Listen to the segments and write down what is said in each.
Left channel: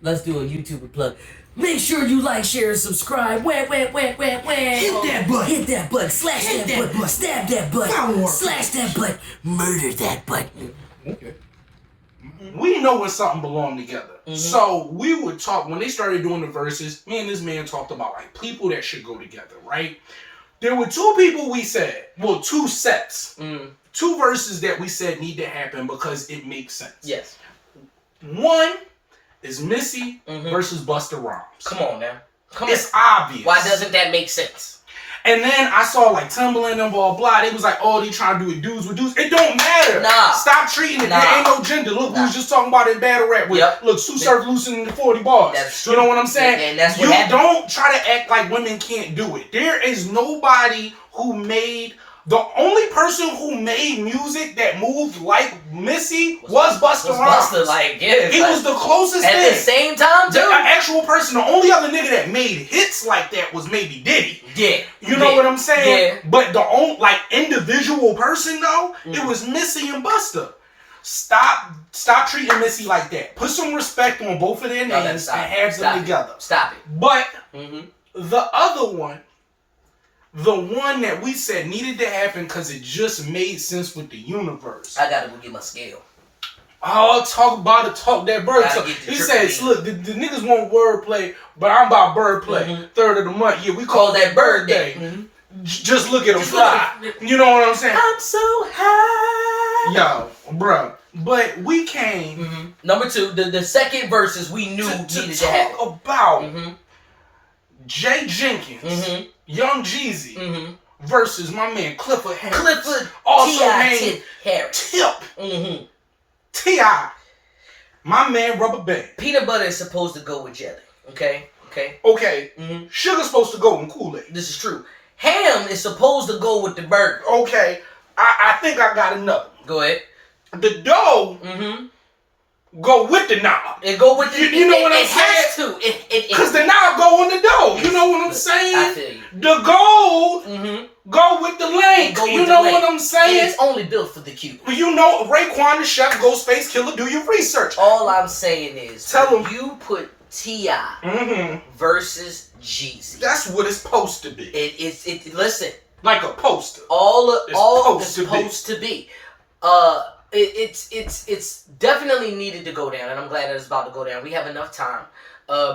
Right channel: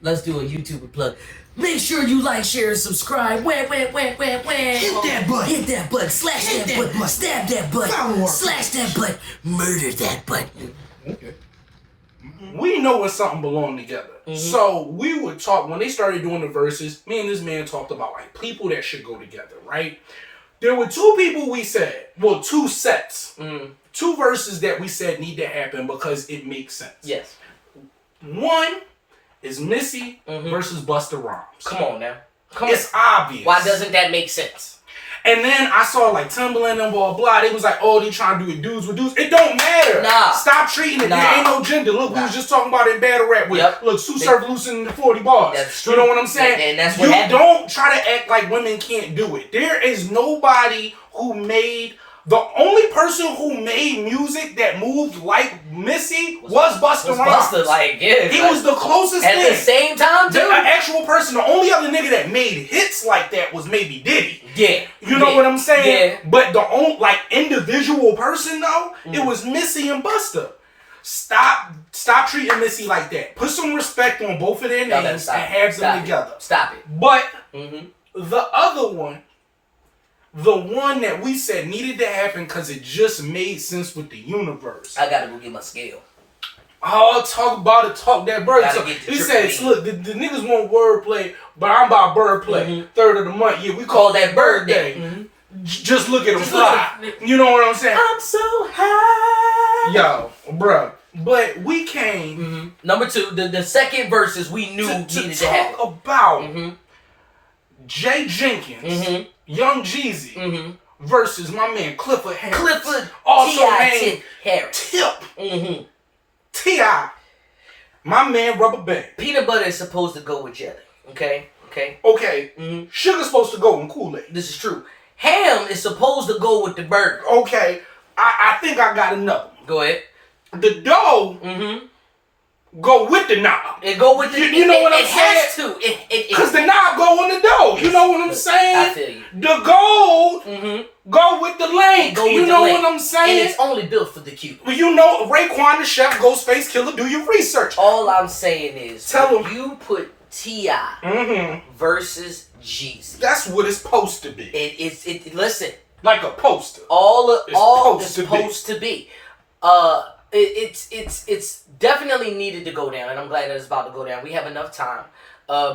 Let's do a YouTuber plug. Make sure you like, share, and subscribe. Hit that button. Hit that button. Slash that button. Stab that button. Slash that button. Murder that button. Okay. We know when something belong together. So we would talk, when they started doing the verses, me and this man talked about like people that should go together, right? There were two people we said, well, two sets. Two verses that we said need to happen because it makes sense. Yes. One is Missy versus Busta Rhymes. Come on now. It's obvious. Why doesn't that make sense? And then I saw like Timberlake and blah blah. They was like, oh, they trying to do it dudes with dudes. It don't matter. Nah. Stop treating it. There ain't no gender. Look, we was just talking about it in battle rap with look, Sue Surf loosening the 40 bars. That's true. You know what I'm saying? And that's what happened. Don't try to act like women can't do it. There is nobody who made. The only person who made music that moved like Missy was Busta Rhymes. He was the closest thing. At the same time, too. The actual person, the only other nigga that made hits like that was maybe Diddy. Yeah. You know what I'm saying? Yeah. But the only, like, individual person, though, it was Missy and Busta. Stop treating Missy like that. Put some respect on both of their names and have them together. Stop it. But the other one, the one that we said needed to happen because it just made sense with the universe. I gotta go get my scale. Oh, talk about it, talk that bird talk. He says, look, the niggas want wordplay, but I'm about birdplay. Third of the month. Yeah, we call that bird day. Just look at him fly. You know what I'm saying? I'm so high. Yo, bruh. But we came. Number two, the second verses we knew needed to happen. Talk about Jay Jenkins. Young Jeezy versus my man Clifford Harris. Also named Harris. Tip. T.I. My man Rubberband. Peanut butter is supposed to go with jelly. Okay. Sugar's supposed to go in Kool-Aid. This is true. Ham is supposed to go with the burger. Okay. I think I got another. Go ahead. The dough go with the knob. It go with the you know what I'm saying? It has to. Because the knob go on the dough. You know what I'm saying? I feel you. The gold go with the length. You know what I'm saying? And it's only built for the cute. You know, Raekwon the chef, Ghostface Killer, do your research. All I'm saying is, tell him you put T.I. versus Jeezy. That's what it's supposed to be. Listen. Like a poster. It's supposed to be. It's definitely needed to go down, and I'm glad that it's about to go down. We have enough time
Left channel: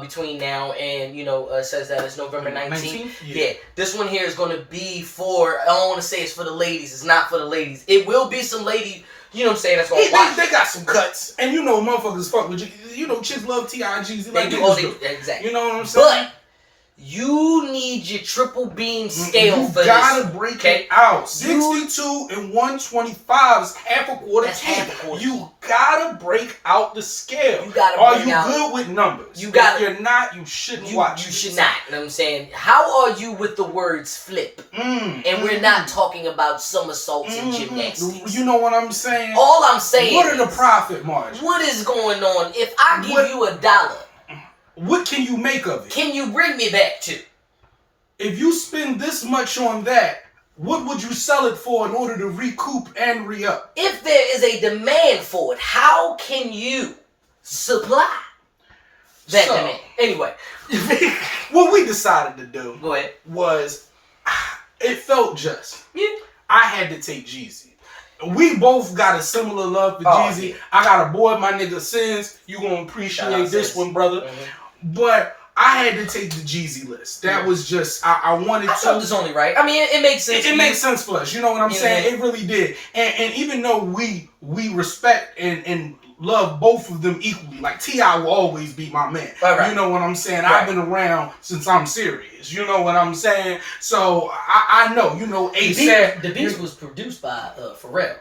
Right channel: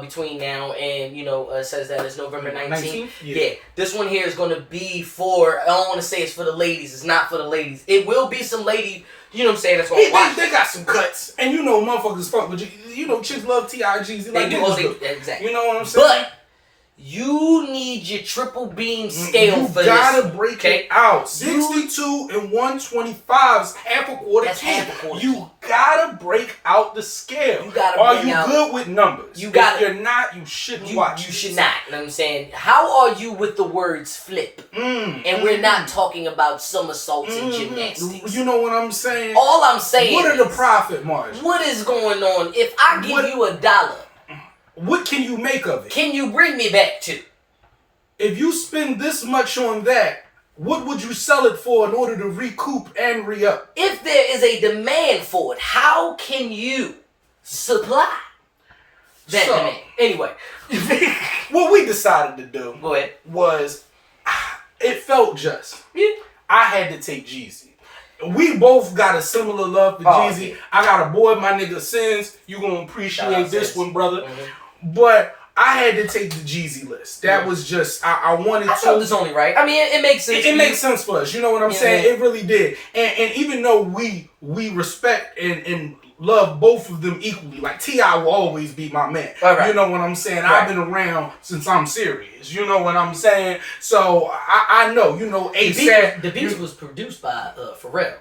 between now and, it says that it's November 19th. Yeah. This one here is going to be for, I don't want to say it's for the ladies. It's not for the ladies. It will be some lady, you know what I'm saying, that's going to watch. They got some cuts, and motherfuckers fuck with you. You know, chicks love T.I. and Jeezy. Like exactly. You know what I'm saying? But you need your triple beam scale for this. You gotta break it out. 62 and 125 is half a quarter. That's half a quarter. You gotta break out the scale. You gotta Are you good with numbers? If you're not, you shouldn't watch. You should not. You know what I'm saying? How are you with the words flip? And we're not talking about somersaults and gymnastics. You know what I'm saying? All I'm saying what are the profit margins? What is going on? If I give you $1, what can you make of it? Can you bring me back to? If you spend this much on that, what would you sell it for in order to recoup and re-up? If there is a demand for it, how can you supply that demand? Anyway. What we decided to do was, it felt just. Yeah. I had to take Jeezy. We both got a similar love for Jeezy. Yeah. I got a boy, my nigga Sins. You gonna appreciate this one, brother. But I had to take the Jeezy list. That was just, I wanted to. I felt it's only right. I mean, it makes sense. It makes sense for us. You know what I'm saying? It really did. And even though we respect and love both of them equally, like T.I. will always be my man. Right. You know what I'm saying? Right. I've been around since I'm serious. You know what I'm saying? So I know, ASAP. The Beast was produced by Pharrell.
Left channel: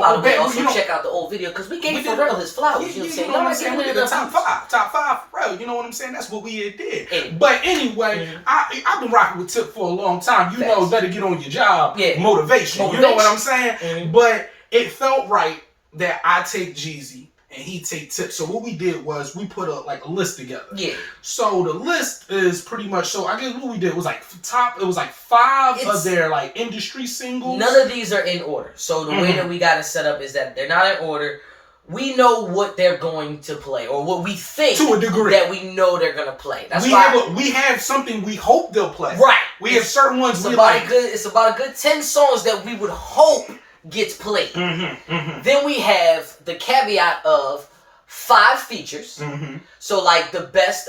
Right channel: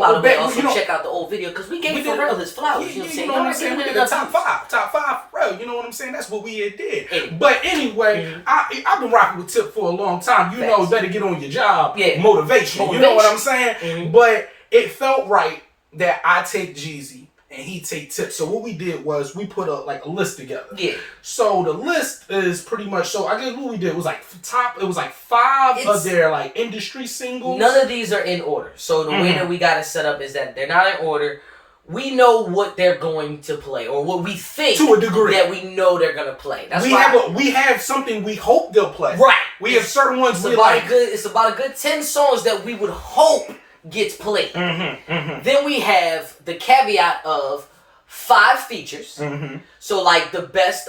By the way, also check out the old video because we gave Pharrell his flowers. You know what I'm saying? We did the top five Pharrell. You know what I'm saying? That's what we did. But anyway, I've been rocking with Tip for a long time. You know, better get on your job. Yeah. Motivation. You know what I'm saying? But it felt right that I take Jeezy and he take Tip. So what we did was we put a list together. Yeah. So the list is pretty much, so I guess what we did was it was 5 of their industry singles. None of these are in order. So the way that we got it set up is that they're not in order. we know what they're going to play, or what we think to a degree that we know they're gonna play. That's we have something we hope they'll play. Right. We have certain ones it's about a good 10 songs that we would hope gets played. Then we have the caveat of 5 features. So like the best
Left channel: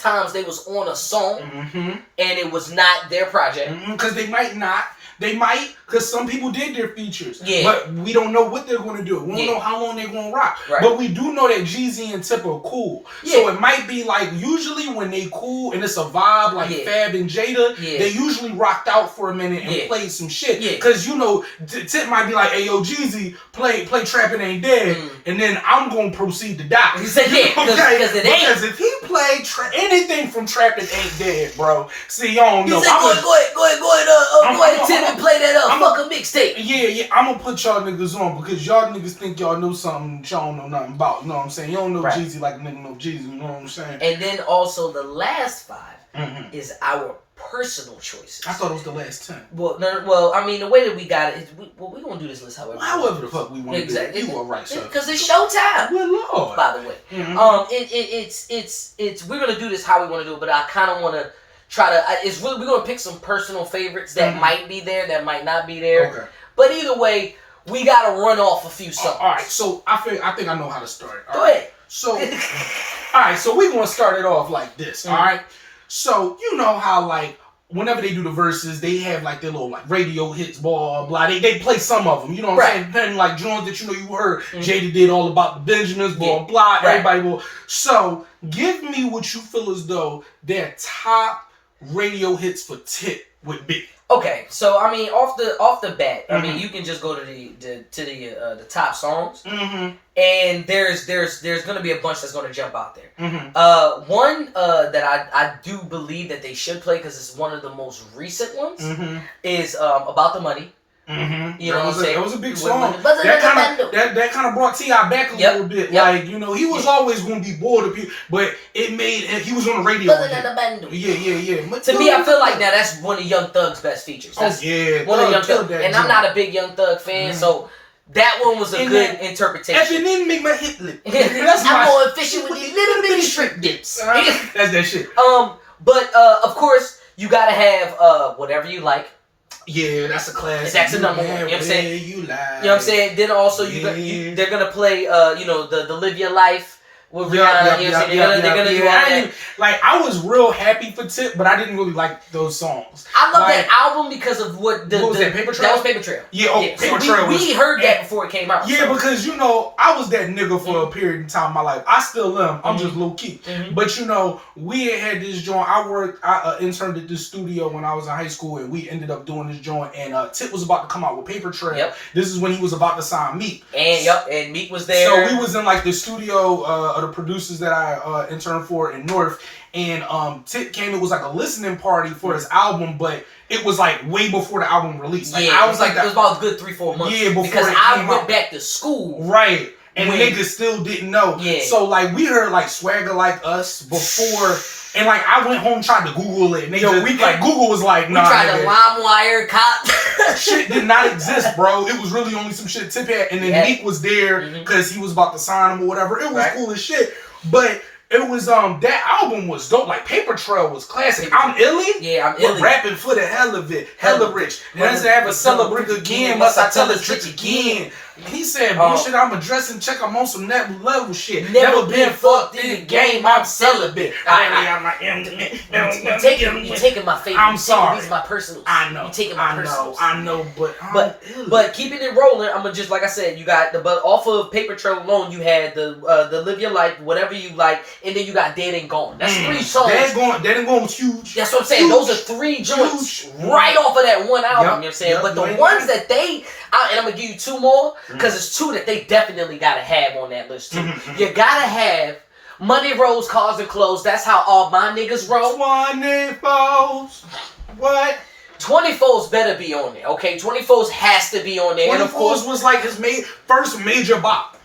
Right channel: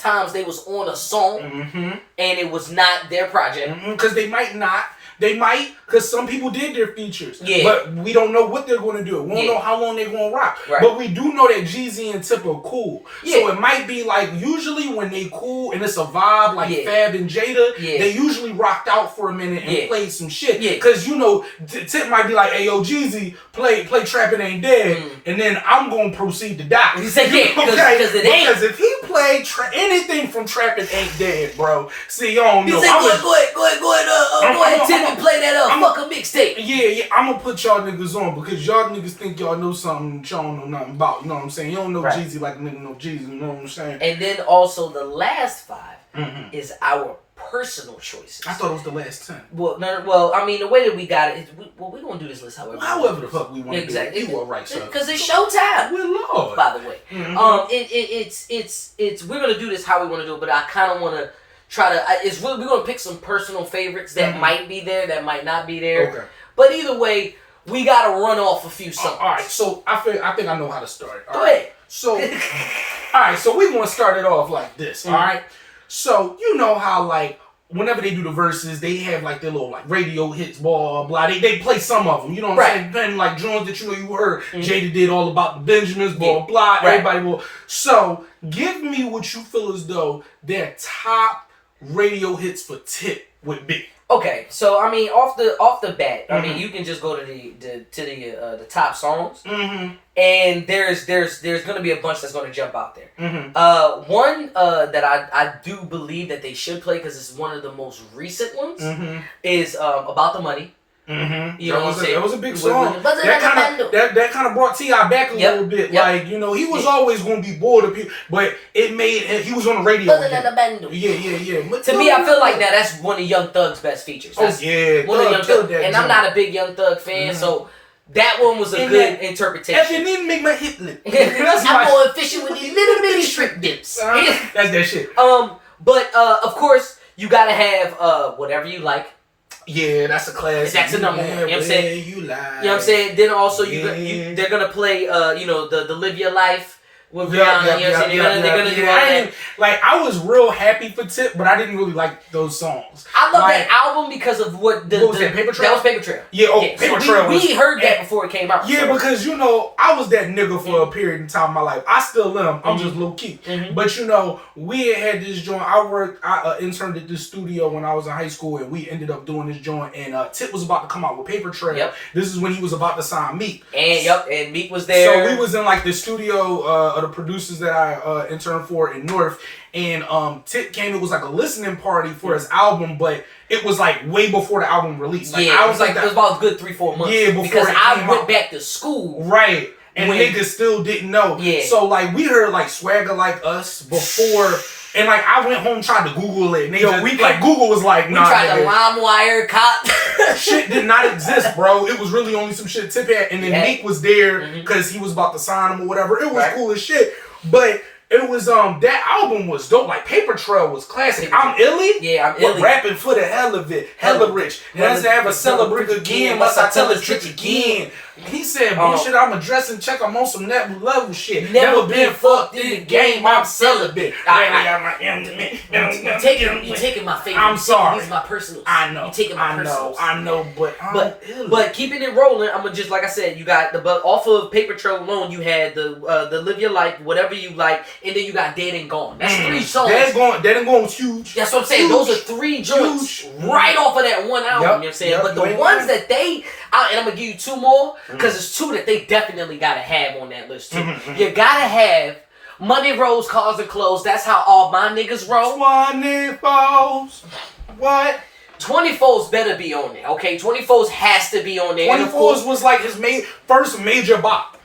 times they was on a song and it was not their project. Because they might not. They might, because some people did their features. Yeah. But we don't know what they're going to do. We don't know how long they're going to rock. Right. But we do know that Jeezy and Tip are cool. Yeah. So it might be like, usually when they cool and it's a vibe like Fab and Jada, they usually rocked out for a minute and played some shit. Because, you know, Tip might be like, hey, yo, Jeezy, play Trappin' Ain't Dead, and then I'm going to proceed to die. He said, because it ain't. Because if he played anything from Trappin' Ain't Dead, bro, see, you don't know. He said, go ahead, Tip, and play that fuck a mixtape. Yeah, I'm gonna put y'all niggas on because y'all niggas think y'all know something y'all don't know nothing about. You know what I'm saying? You don't know Jeezy like a nigga know Jeezy. You know what I'm saying? And then also the last 5 is our personal choices. I thought it was the last 10. Well, no, well, I mean, the way that we got it, we're gonna do this list however the fuck we want to do it. You are right, sir. Because it's showtime. Good Lord. By the way, it's we're gonna do this how we want to do it, but I kind of want to try to. We're gonna pick some personal favorites that might be there, that might not be there. Okay. But either way, we gotta run off a few songs. All right, so I think I know how to start. Go ahead. So, all right, so we're gonna start it off like this. All right. So you know how like whenever they do the verses, they have like their little like radio hits, blah blah. They play some of them. You know what I'm saying? Depending like joints that you know you heard. Jada did all about the Benjamins, blah blah. Everybody will. So give me what you feel as though their top radio hits for Tip would be. Okay, so I mean, off the bat, I mean, you can just go to the top songs, and there's gonna be a bunch that's gonna jump out there. One that I do believe that they should play because it's one of the most recent ones is About the Money. You know what I'm saying? That was a big song. That kind of brought T.I. back a little bit. Like, you know, he was always going to be bored of people, but it made he was on the radio. Yeah. To me, I feel like that's one of Young Thug's best features. That's one of Young Thug, and I'm not a big Young Thug fan, so that one was a good interpretation. And then make my hip lip. I'm more efficient with these little bitty strip dips. That's that shit. But of course, you gotta have Whatever You Like. Yeah, that's a classic. That's a number one. You know what I'm saying? You lie. You know what I'm saying? Then also they're gonna play the Live Your Life with Rhianna. You know what I'm saying? They're gonna do all that. Like I was real happy for Tip, but I didn't really like those songs. I love that album because of what was that? Paper Trail? That was Paper Trail. Yeah, Paper Trail. We heard that before it came out. Yeah, because you know, I was that nigga for a period in time in my life. I still am. I'm just low key. But you know, we had this joint. I interned at this studio when I was in high school, and we ended up doing this joint. And Tip was about to come out with Paper Trail. Yep. This is when he was about to sign Meek. And Meek was there. So we was in like the studio of the producers that I interned for in North. And Tip came. It was like a listening party for his album, but it was like way before the album released. Like, I was like it was about a good 3-4 months. Yeah, before because I went back to school. Right, and niggas still didn't know. Yeah. So like we heard like Swagger Like Us before, and like I went home tried to Google it. And Google was like, nah. We tried to LimeWire cop. Shit did not exist, bro. It was really only some shit Tip had, and then Meek was there because he was about to sign him or whatever. It was cool as shit, but. It was that album was dope. Like Paper Trail was classic. I'm Illy. Yeah, I'm Illy. Rapping for the hell of it, hella rich. Once I ever celebrate again, must I tell a trick again? He said, bullshit, I'm addressing check. I'm on some next level shit. Never been fucked in the game. I'm celibate. You taking my favorite. I'm sorry. These are my personals. I know. You taking my personals. I know, but keeping it rolling, I'm gonna just like I said, you got but off of Paper Trail alone, you had the Live Your Life, Whatever You Like, and then you got Dead and Gone. That's 3 songs. Dead and Gone was huge. That's what I'm saying. Those are 3 joints right off of that one album. You know what I'm saying? But the ones that and I'm gonna give you 2 more. Because it's 2 that they definitely gotta have on that list too. You gotta have Money Rolls, Cars and Clothes. That's how all my niggas roll. 24s. What? 24s better be on there, okay? 24s has to be on there. 24s was like his first major bop.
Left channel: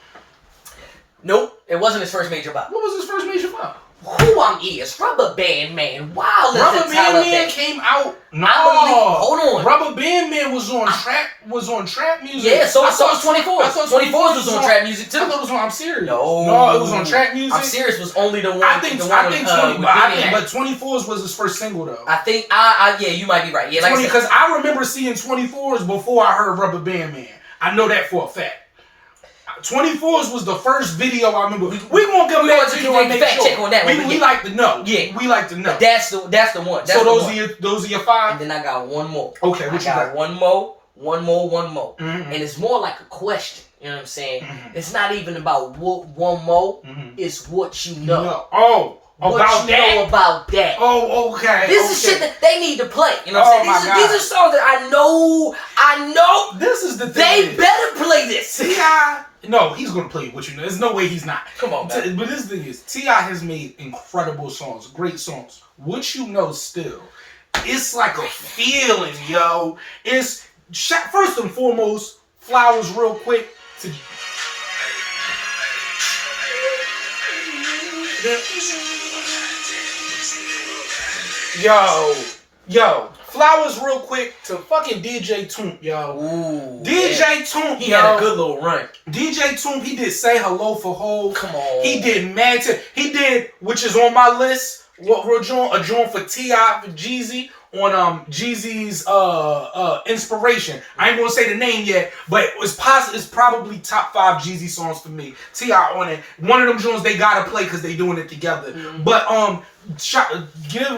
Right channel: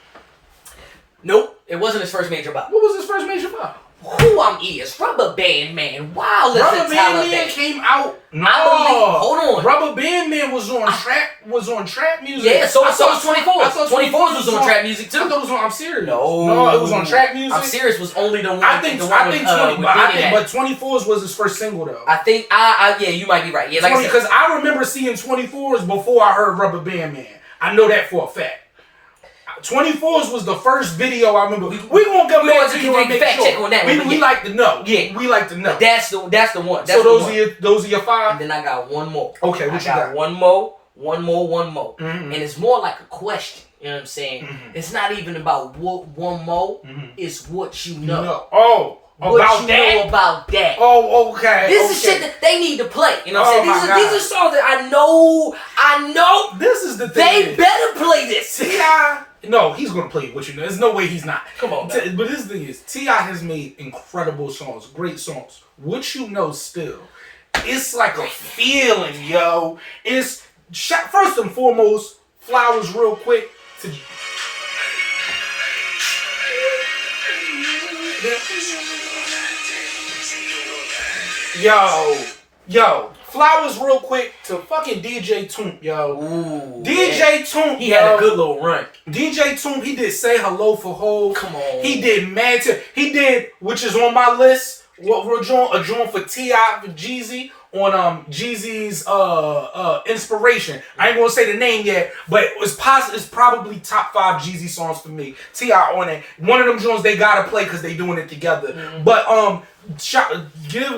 Nope, it wasn't his first major bop. What was his first major bop? Who I'm is. Rubberband Man. Wow, Rubberband Man came out. No, hold on. Rubberband Man was on trap music. Yeah, so was 24. 24 was on trap music too. I thought it was on I'm Serious. No, it was on trap music. I'm Serious was only the one. But 24's was his first single though. I think yeah, you might be right. Yeah, like because I remember seeing 24's before I heard Rubberband Man. I know that for a fact. 24's was the first video I remember. We won't go back to you and make fact check on that one. We like to know. Yeah, we like to know. That's the one. That's so those are your 5. And then I got one more. Okay, what you got? One more. Mm-hmm. And it's more like a question. You know what I'm saying? Mm-hmm. It's not even about what one more. Mm-hmm. It's what you know. No. Oh. What you know about that? Oh, okay. This is shit that they need to play. You know what I'm saying? These are songs that I know. This is the thing. They better play this. T.I. No, he's gonna play what you know. There's no way he's not. Come on, man. But this thing is, T.I. has made incredible songs, great songs. What you know still, it's like a feeling, yo. It's first and foremost, Flowers real quick to. Yo, Flowers real quick to fucking DJ Toomp, yo. Ooh, DJ Toomp, he had a good little run. DJ Toomp, he did Say Hello for Hov. Come on. He did Mad Tip. He did, which is on my list, a joint for T.I. for Jeezy on Jeezy's Inspiration. I ain't gonna say the name yet, but it's probably top 5 Jeezy songs for me. T.I. on it. One of them joints they gotta play because they doing it together. Mm-hmm. But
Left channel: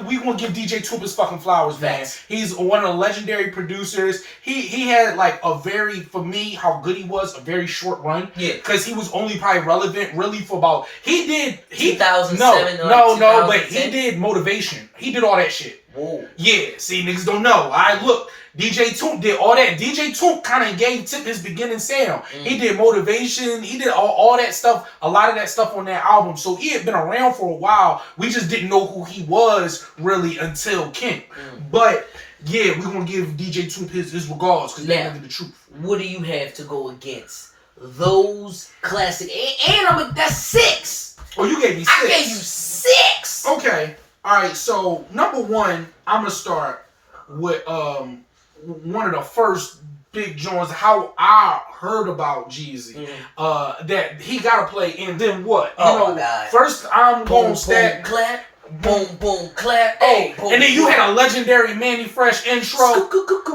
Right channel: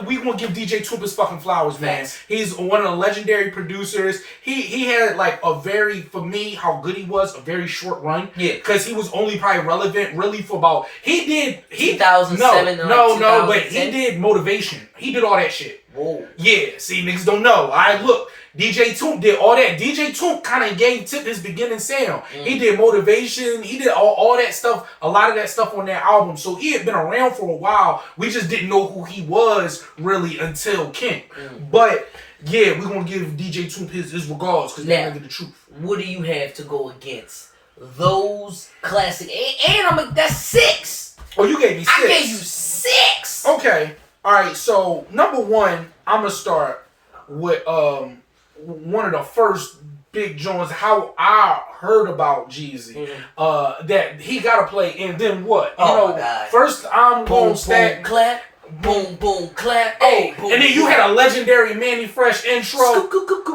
we gonna give DJ Toomp his fucking flowers, man. Thanks. He's one of the legendary producers. He had like a very, for me, how good he was, a very short run. Yeah. Because he was only probably relevant really for about 2007. But he did Motivation. He did all that shit. Whoa. Yeah, see, niggas don't know. Look, DJ Toomp did all that. DJ Toomp kind of gave Tip his beginning sound. He did Motivation. He did all that stuff, a lot of that stuff on that album. So he had been around for a while. We just didn't know who he was really until King. But yeah, we're going to give DJ Toomp his regards because they're going to get the truth. What do you have to go against those classic? And that's 6. Oh, you gave me 6. I gave you 6. Okay. All right. So number 1, I'm going to start with one of the first big joints, how I heard about Jeezy, that he gotta play, and then what? My God. First I'm gonna stack. Boom, clap. Boom, boom, clap. And then you had a legendary Manny Fresh intro.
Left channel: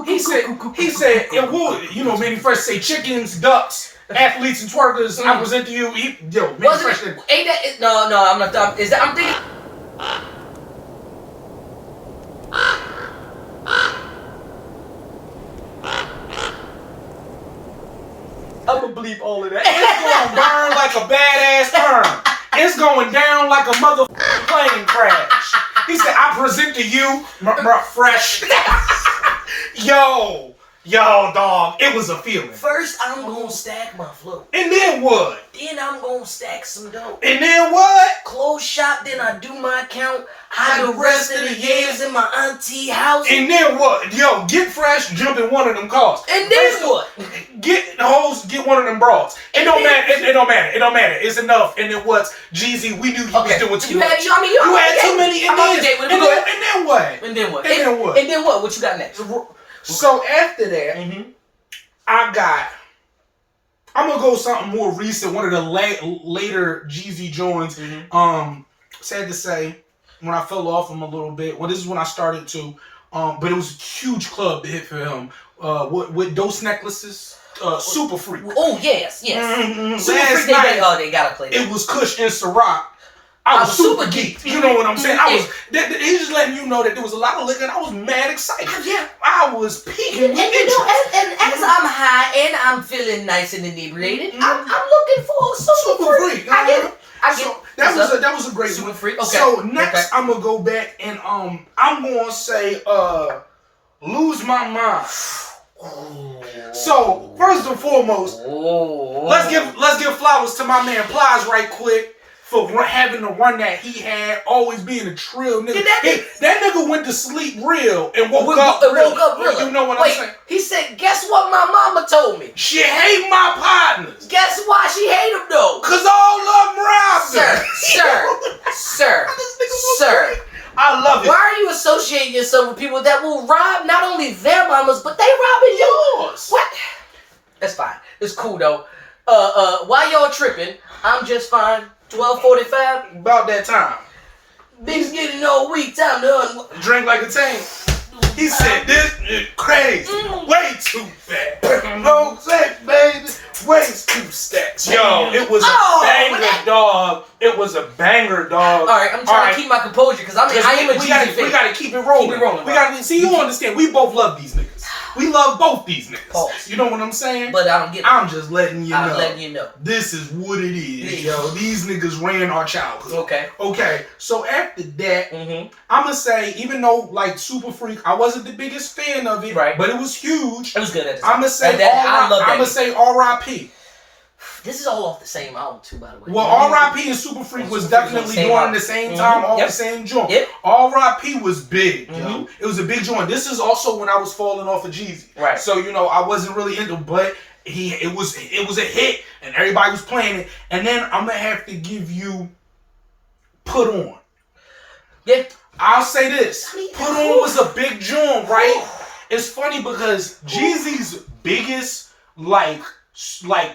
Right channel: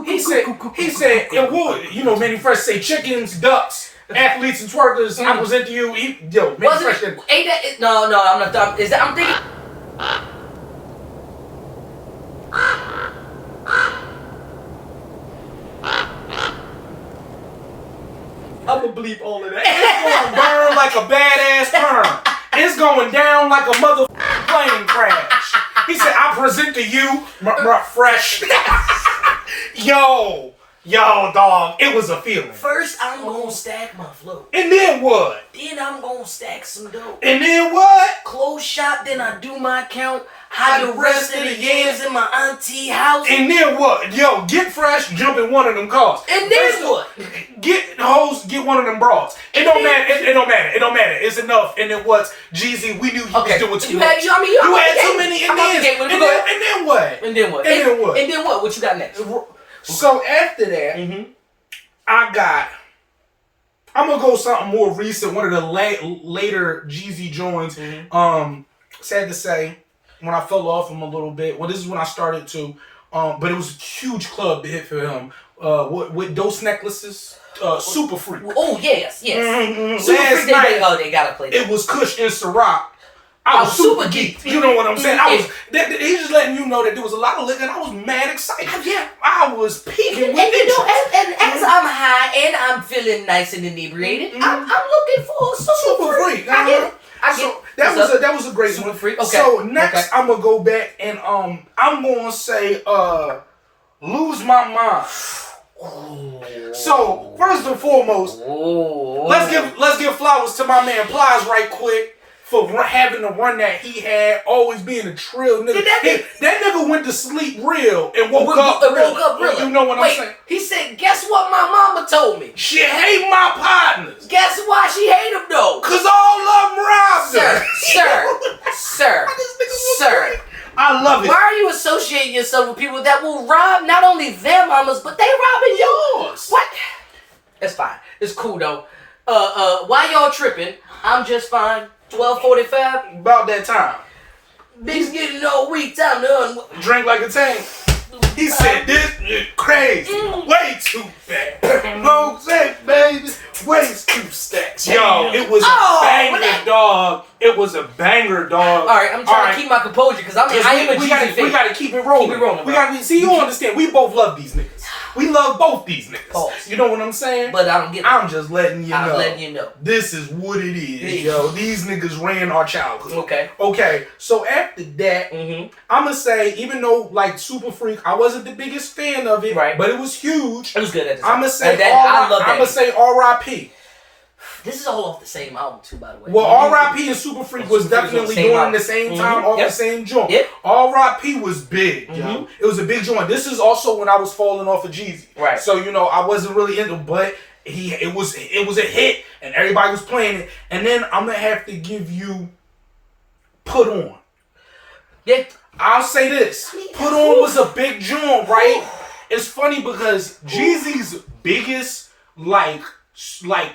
He said, and what, Manny Fresh say chickens, ducks, athletes, and twerkers. I present to you. Manny Fresh. Ain't that? No, I'm not. Is that? I'm thinking. I'm gonna bleep all of that. It's gonna burn like a badass turn. It's going down like a motherfucking plane crash. He said, I present to you, Fresh. Yo, dog, it was a feeling. First, I'm gonna stack my flow. And then what? Then I'm gonna stack some dough. And then what? Close shop, then I do my count. Hide the rest of the yams in my auntie house. And then what? Yo, get Fresh, jump in one of them cars. And then what? Get the hoes, get one of them bras. It don't matter. It don't matter. It's enough. And then what? Jeezy, we knew he was doing too much. You had too many. And then what? And then what? What you got next? So after that, I'm gonna go something more recent. One of the later Jeezy joints. Sad to say, when I fell off him a little bit. Well, this is when I started to. But it was a huge club hit for him. With Dose Necklaces, Supafreak. Oh yes. Supafreak. They gotta play that. It was Kush and Ciroc. I was super geeked. You know what I'm saying? He's just letting you know that there was a lot of liquor and I was mad excited. Yeah. I was peaking with interest. And as I'm high and I'm feeling nice and inebriated, I'm looking for Supafreak. I get it. That was a great Supafreak. Okay. So next I'm gonna go back and I'm gonna say Lose My Mind. Ooh. So first and foremost, let's give flowers to my man Plies right quick. For having the run that he had, always being a trill nigga. That nigga went to sleep real and woke up real. You know what I'm saying? He said, guess what my mama told me? She hate my partners. Guess why she hate him though? Cause all of them robbed her. Sir. I love it. Why are you associating yourself with people that will rob not only their mamas, but they robbing yours? What? That's fine. It's cool though. Why y'all tripping? I'm just fine. 12:45. About that time. Big's getting all weak. Time to drink like a tank. He said this is crazy. Way too fat. No sex, baby. Way too stacks. Yo, it was a banger, dog. It was a banger, dog. Alright, I'm trying to keep my composure because I am a Jeezy fan. We gotta keep it rolling. We gotta see. You understand? We both love these niggas. We love both these niggas. Pause. You know what I'm saying? But I don't get it. I'm just letting you know. I'm letting you know. This is what it is, yo. These niggas ran our childhood. Okay. So after that, I'm gonna say, even though like Supafreak, I wasn't the biggest fan of it, but it was huge. It was good at the time. I'm gonna say R.I.P. This is all off the same album too, by the way. Well, R.I.P. and Supafreak was definitely during the same time, off the same joint. R.I.P. was big, yo. It was a big joint. This is also when I was falling off of Jeezy. Right. So, you know, I wasn't really into, but it was a hit and everybody was playing it. And then I'm gonna have to give you Put On. Yeah. I'll say this. Put On was a big joint, right? It's funny because Jeezy's biggest like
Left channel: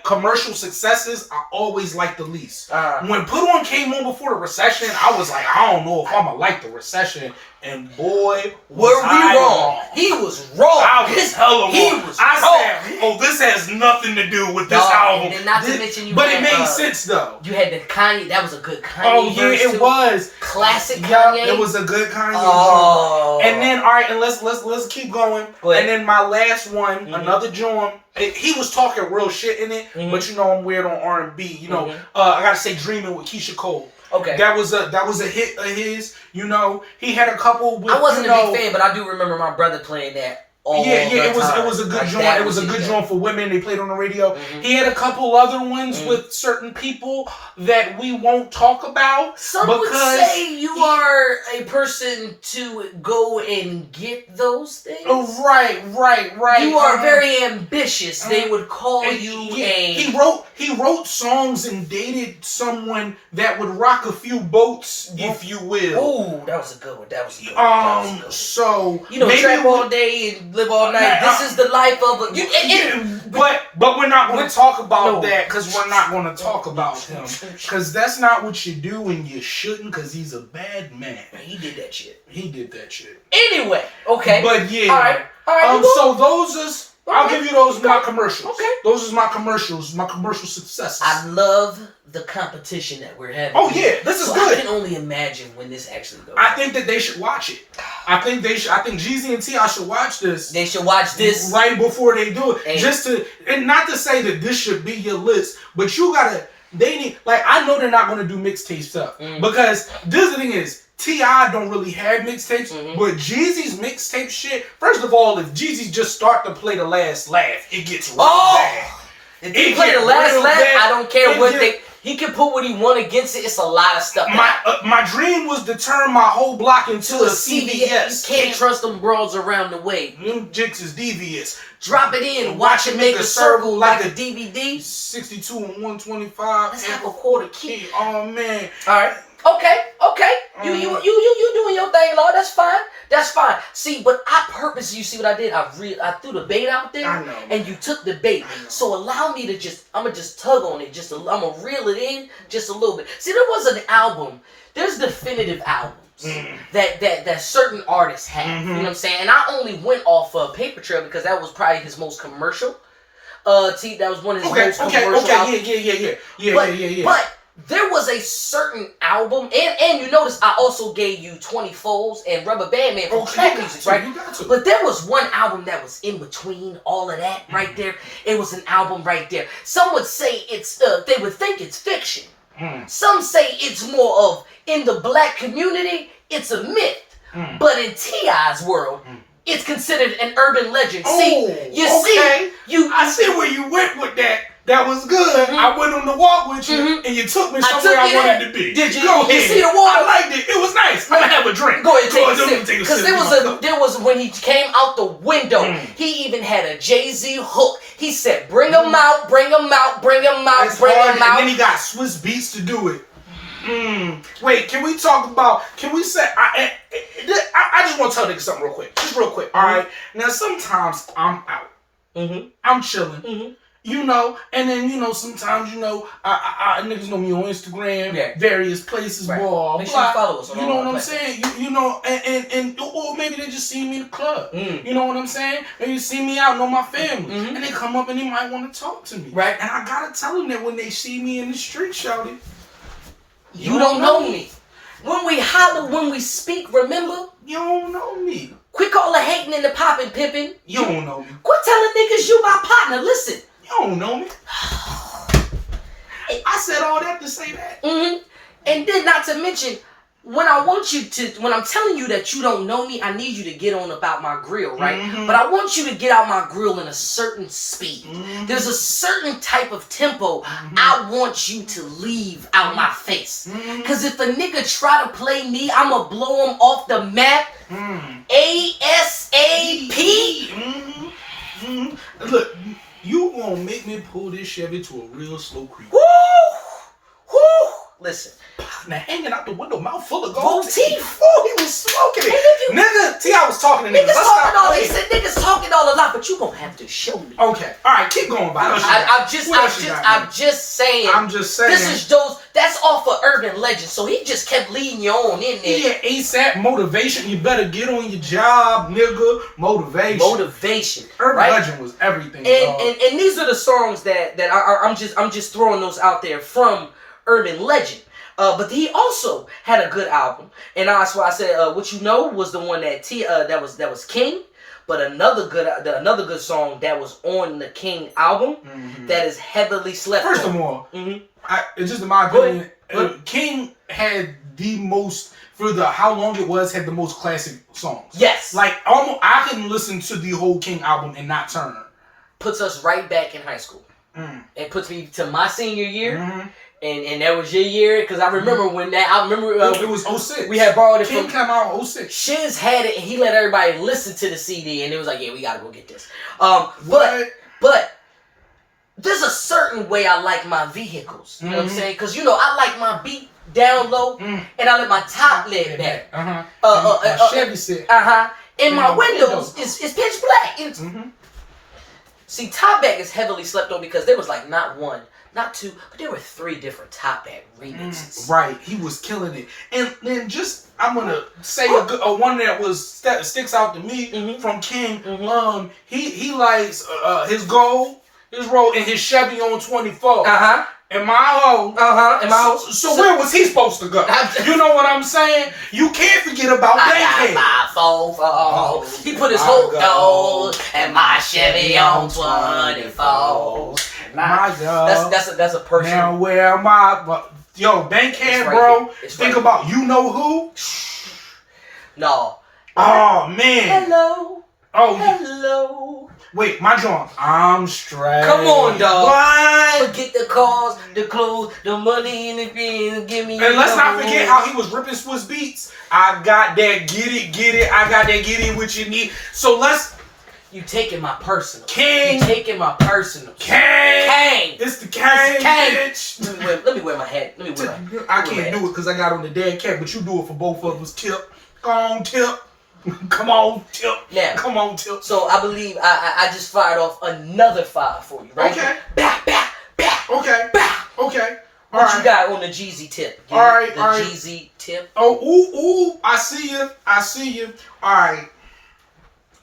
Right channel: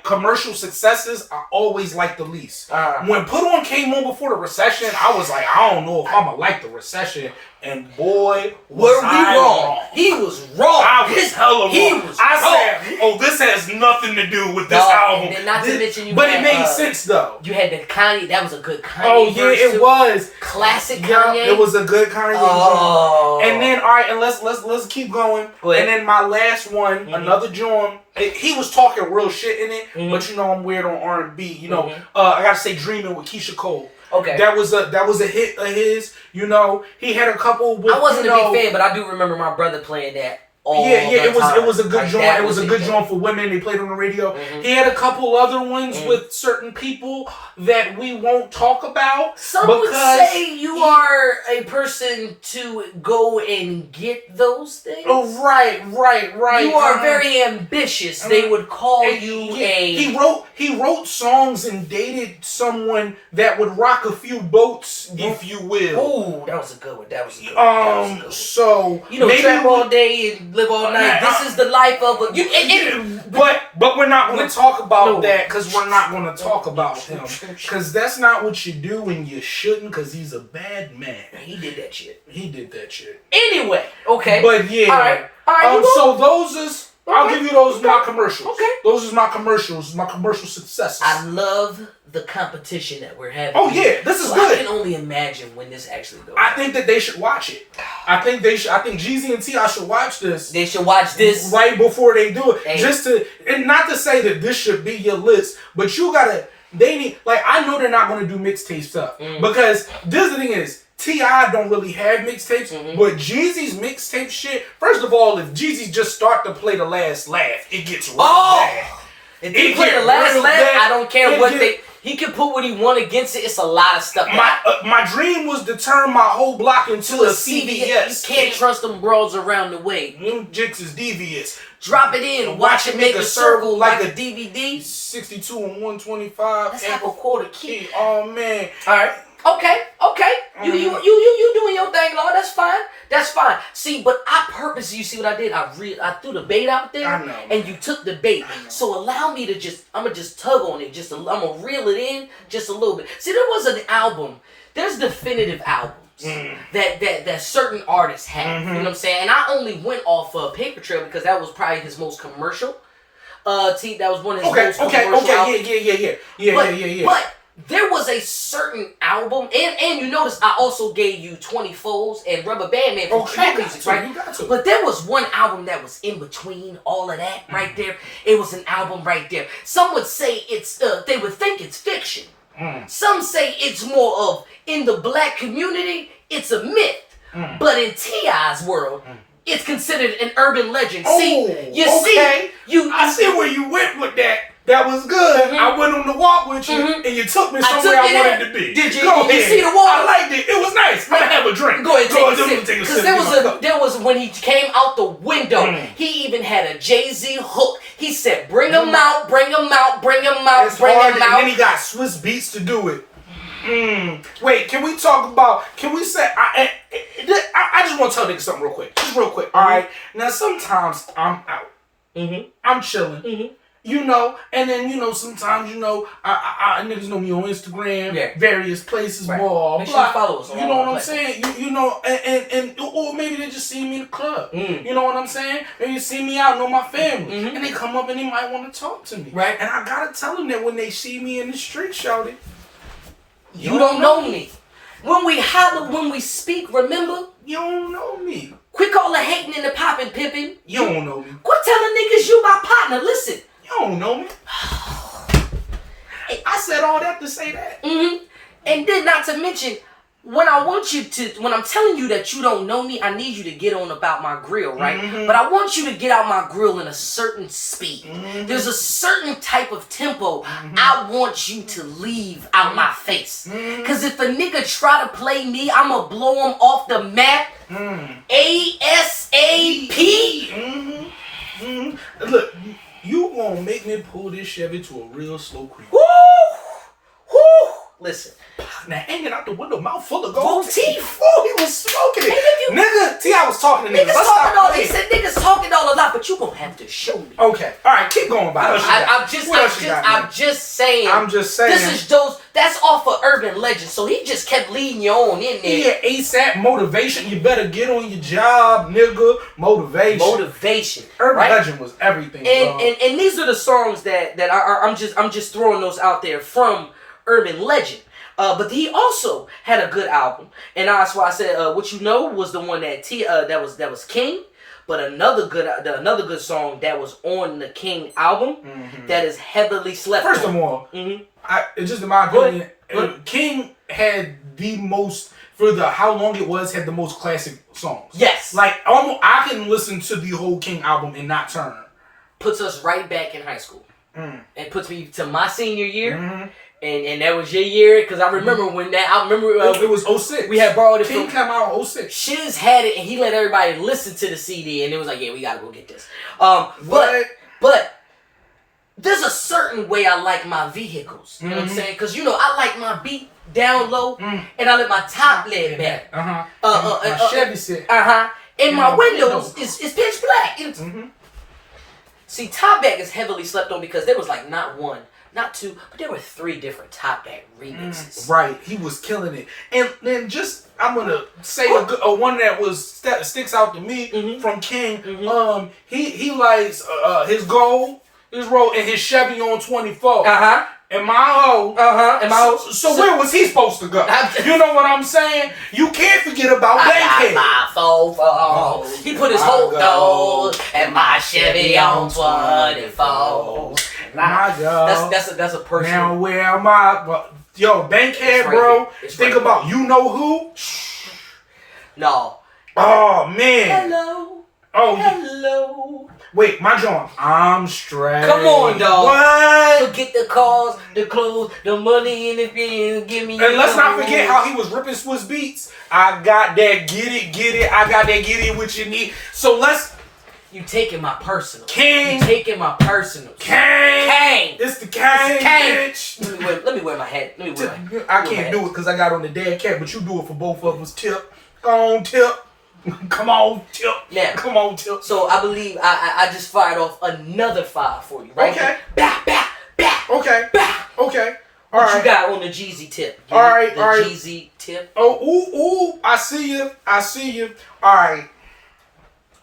commercial successes I always like the least. When Put On came on before the Recession, I was like, I don't know if I'ma like the Recession. And boy, were we wrong. He was wrong. I was hella wrong. I said, oh, this has nothing to do with this album. And not to mention but it made sense though. You had the Kanye, that was a good Kanye. Oh yeah, it was. Classic Kanye. It was a good Kanye. And then alright, and let's keep going. And then my last one, another joint. He was talking real shit in it, but you know I'm weird on R&B. You know, I gotta say Dreamin with Keyshia Cole. Okay. That was a hit of his. You know, he had a couple. With, I wasn't a big fan, but I do remember my brother playing that. It was a good joint. It was a good joint for women. They played on the radio. He had a couple other ones with certain people that we won't talk about. Some would say you are a person to go and get those things. Right. You are very ambitious. They would call you a. He wrote songs and dated someone that would rock a few boats, if you will. Oh, that was a good one. That was a good one. So you know, trap all day and live all night. This is the life of a. But we're not going to talk about that because we're not going to talk about him because that's not what you do and you shouldn't because he's a bad man. He did that shit. Anyway, okay. But yeah. All right. So those is. I'll give you those my commercials. Okay. Those is my commercials, my commercial successes. I love the competition that we're having. Oh yeah, this is good. I can only imagine when this actually goes. I think that they should watch it. I think Jeezy and T.I. should watch this. They should watch this right before they do it. And not to say that this should be your list, but you gotta. They need I know they're not gonna do mixtape stuff because this the thing is. T.I. don't really have mixtapes, but Jeezy's mixtape shit, first of all, if Jeezy just start to play the last laugh, it gets real bad. If he play the last laugh, I don't care what he can put what he want against it. It's a lot of stuff. My dream was to turn my whole block into a CVS. You can't trust them bros around the way. Them jigs is devious. Drop it in, watch it make a circle like a DVD. 62 and 125. Let's have a quarter key. Oh man. Alright. Okay. You doing your thing, Lord. That's fine. See, but I purposely, you see what I did? I threw the bait out there, I know. And you took the bait. So allow me to I'm gonna just tug on it. I'm gonna reel it in just a little bit. See, there was an album. There's definitive albums that certain artists have. You know what I'm saying? And I only went off of Paper Trail because that was probably his most commercial. That was one of his most commercial albums. Yeah. But there was a certain album, and you notice I also gave you 20 Foes and Rubberband Man from trap music, right? But there was one album that was in between all of that right there. It was an album right there. Some would say it's, they would think it's fiction. Some say it's more of, in the black community, it's a myth. But in T.I.'s world, it's considered an urban legend. I see where you went with that. That was good. I went on the walk with you, and you took me somewhere I wanted to be. Did you? Go ahead. You see the water? I liked it. It was nice. I'm gonna have a drink. Go ahead, take a sip. Because there was when he came out the window, he even had a Jay-Z hook. He said, "Bring him out, bring him out, bring him out, bring him out." And then he got Swiss Beats to do it. Wait, can we talk about? Can we say? just want to tell niggas something real quick. Just real quick. All right. Now, sometimes I'm out. I'm chilling. You know, and then, you know, sometimes, you know, I niggas know me on Instagram, various places, blah, Make sure you follow us. You know what I'm saying? You know, and or maybe they just see me in the club. You know what I'm saying? Maybe they see me out, know my family, and they come up and they might want to talk to me. Right. And I gotta tell them that when they see me in the street, shouty, you don't know me. When we holler, when we speak, remember? You don't know me. Quit all the hating and the popping, pimping. You don't know me. Quit telling niggas you my partner. Listen. You don't know me. I said all that to say that. And then not to mention, when I'm telling you that you don't know me, I need you to get on about my grill, right? But I want you to get out my grill in a certain speed. There's a certain type of tempo I want you to leave out my face. Because if a nigga try to play me, I'ma blow him off the map. ASAP. Look, you gonna make me pull this Chevy to a real slow creep. Woo! Listen. Now hanging out the window, mouth full of gold teeth. Oh, he was smoking it. Nigga, see, I was talking to niggas. He said niggas talking all a lot, but you gonna have to show me. Okay. All right, keep going, by. I'm just saying. This is that's off of Urban Legend, so he just kept leading you on in there. Yeah, ASAP motivation. You better get on your job, nigga. Motivation. Urban Legend was everything. And these are the songs that I'm just throwing those out there from Urban Legend. But he also had a good album, and that's why I said "What You Know" was the one that that was King. But another good song that was on the King album that is heavily slept First on. of all, it's just in my opinion, King had the most, for the how long it was, had the most classic songs. Yes, like almost I can listen to the whole King album and not turn. Puts us right back in high school. It puts me to my senior year. And that was your year, because I remember when that, it was 06. We had borrowed it King from... came out 06. Shiz had it, and he let everybody listen to the CD, and it was like, yeah, we gotta go get this. But there's a certain way I like my vehicles, you know what I'm saying? Because, you know, I like my beat down low, and I let my top laid back. My Chevy set. And my windows is pitch black. See, top back is heavily slept on because there was like not one, not two, but there were 3 different top back remixes. Right, he was killing it. And then just, I'm gonna say a one that sticks out to me from King. He likes his gold, his road, and his Chevy on 24. And my hoe. And my hoe. So where was he supposed to go? You know what I'm saying? You can't forget about daycare. My fofo. He put his whole gold and my Chevy on 24. My God. That's a person. Now where my Bankhead, bro. Think about you know who? No. Oh man. Hello. Oh hello. Wait, my John. I'm straight. Come on, dog. What? Forget the cars, the clothes, the money in the bin. Give me. And let's not forget how he was ripping Swiss Beats. I got that, get it. I got that, get it, what you need. So let's. You taking my personal. King. You taking my personal. Kang. It's the Kang, bitch. Let me wear my hat. I can't do it because I got on the dead cat, but you do it for both of us. Tip. Go on, Tip. Come on, Tip. Now, come on, Tip. So I believe I just fired off another 5 for you, right? Okay. Bah. Okay. Bah. Okay. What you got on the Jeezy tip? All right. Jeezy tip. Oh, I see you. All right.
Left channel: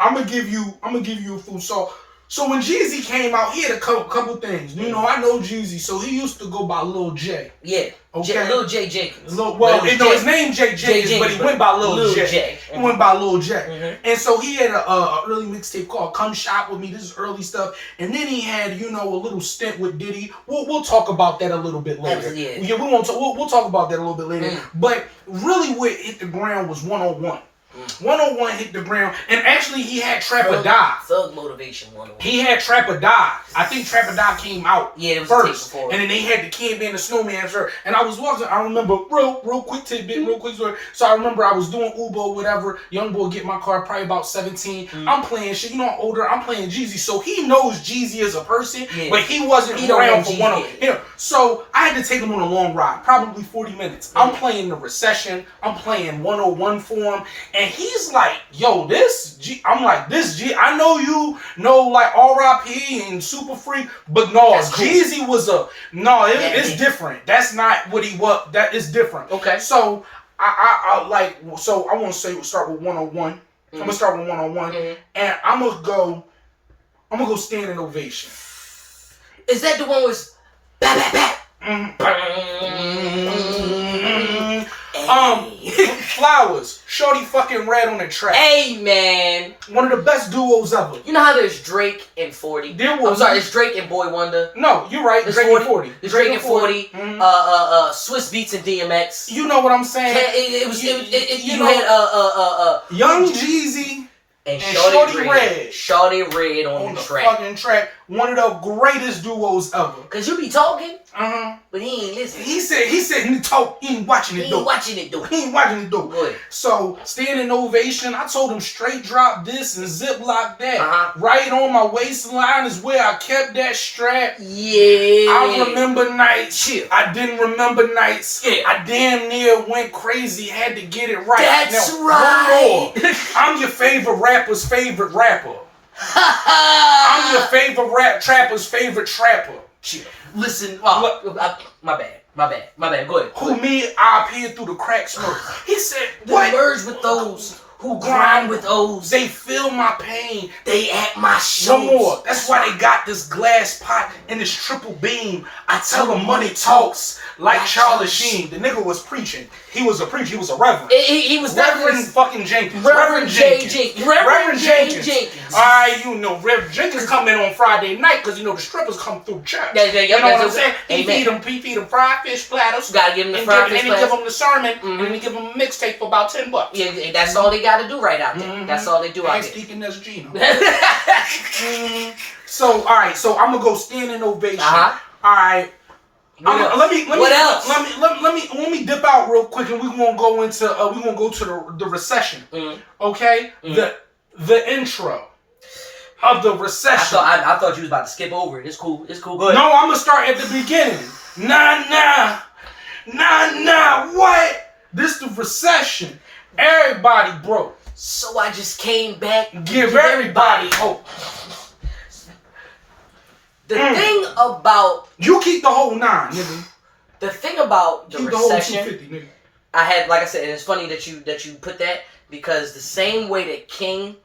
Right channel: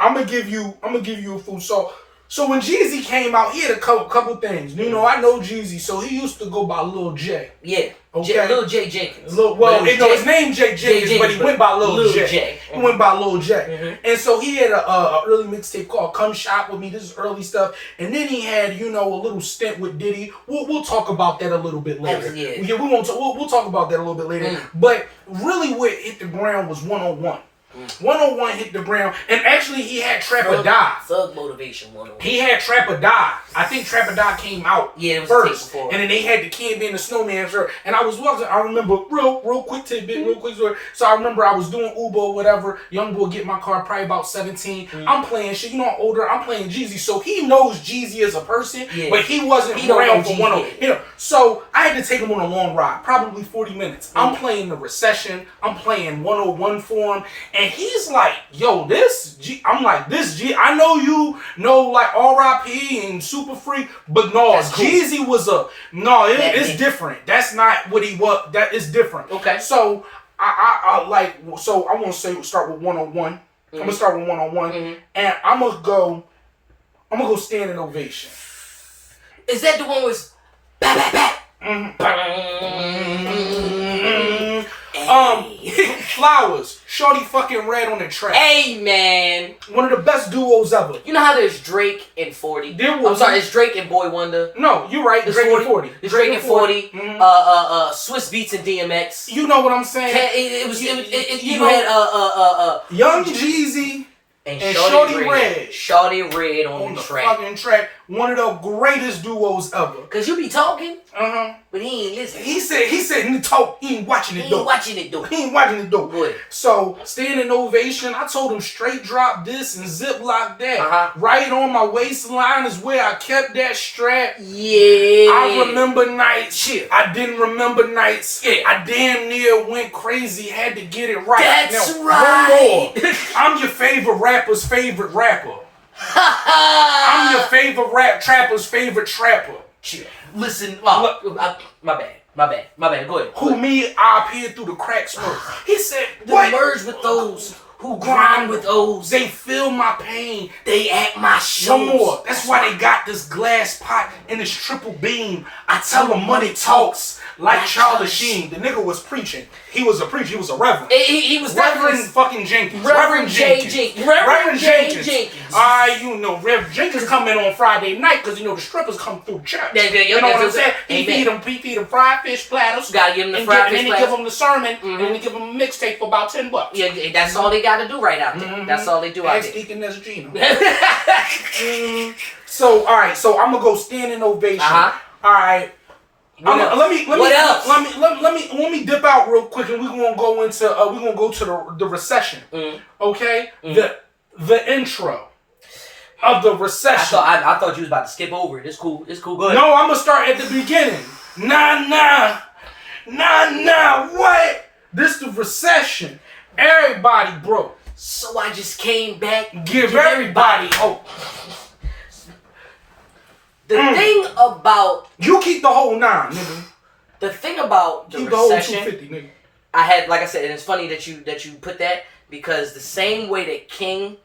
I'm gonna give you a full salt. So when Jeezy came out, he had a couple things. You know, I know Jeezy, so he used to go by Lil J. Yeah. Okay. Lil J Jenkins. His name J Jenkins, but he went by Lil J. He went by Lil J. And so he had a early mixtape called "Come Shop with Me." This is early stuff. And then he had, a little stint with Diddy. We'll talk about that a little bit later. Yeah, we won't. We'll talk about that a little bit later. But really, what hit the ground was 101. 101 hit the ground, and actually he had Trap or Die. Thug Motivation 101. He had Trap or Die. I think Trap or Die came out first, and then they had the Kid and the Snowman shirt. And I was watching. I remember real quick tidbit, real quick story. So I remember I was doing Uber or whatever. Young boy get my car, probably about 17. I'm playing shit. I'm older. I'm playing Jeezy, so he knows Jeezy as a person, but he wasn't around for 101. So I had to take him on a long ride, probably 40 minutes. I'm playing the Recession. I'm playing 101 for him. And he's like, yo, I'm like, this G, I know you know like R.I.P. and Supafreak, but no, cool. Jeezy was it's different. That's not what he was. That is different. Okay. So I want to start with 101. I'm gonna start with 101, and I'm gonna go Standing Ovation. Is that the one with Flowers, Shorty fucking Red on the track. Hey man, one of the best duos ever. You know how there's Drake and 40? I'm sorry, it's Drake and Boy Wonder. No, you're right. Drake and 40. It's Drake and 40. Swiss Beats and DMX. You know what I'm saying? You had Young Jeezy and Shorty Red. Shorty Red on the track. Fucking track. One of the greatest duos ever. Cause you be talking, but he ain't listening. He said he talk. He ain't watching it though. He ain't watching it though. So Standing Ovation. I told him straight drop this and ziplock that. Right on my waistline is where I kept that strap. Yeah. I remember nights. I didn't remember nights. Yeah. I damn near went crazy. Had to get it right. That's right. One more. I'm your favorite rapper's favorite rapper. I'm your favorite trapper's favorite trapper. Listen, my bad. Go ahead. Who me? I appeared through the cracks. He said, "What? Merge with those who grind with those. They feel my pain. They at my shows." One more. That's why they got this glass pot and this triple beam. I tell them money talks like Charlie Sheen. The nigga was preaching. He was a preacher. He was a reverend. He was Reverend fucking Jenkins. Reverend Jenkins. Reverend Jenkins. All right, you know, Reverend Jenkins come in on Friday night because you know the strippers come through church. You know what I'm saying? He feed them fried fish platters. Gotta give them the fried fish platters. And then give them the sermon. And then give them a mixtape for about $10. Yeah, that's all they got to do right out there. That's all they do out there. Deaconess Gina. So all right, so I'm gonna go Standing Ovation. All right. Let me dip out real quick, and we're gonna go to the Recession. Okay, the intro of the Recession. I thought you was about to skip over it. It's cool. Go ahead. No, I'm gonna start at the beginning. Nah. What? This the Recession. Everybody broke. So I just came back. Give everybody hope. The thing about you keep the whole 9, nigga. The thing about the Recession, the whole 250, nigga. I had, like I said, and it's funny that you put that because the same way that King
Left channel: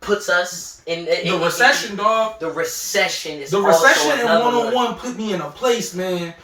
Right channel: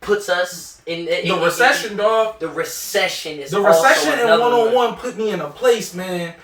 puts us in the Recession, dog. The Recession is the Recession and 101 put me in a place, man.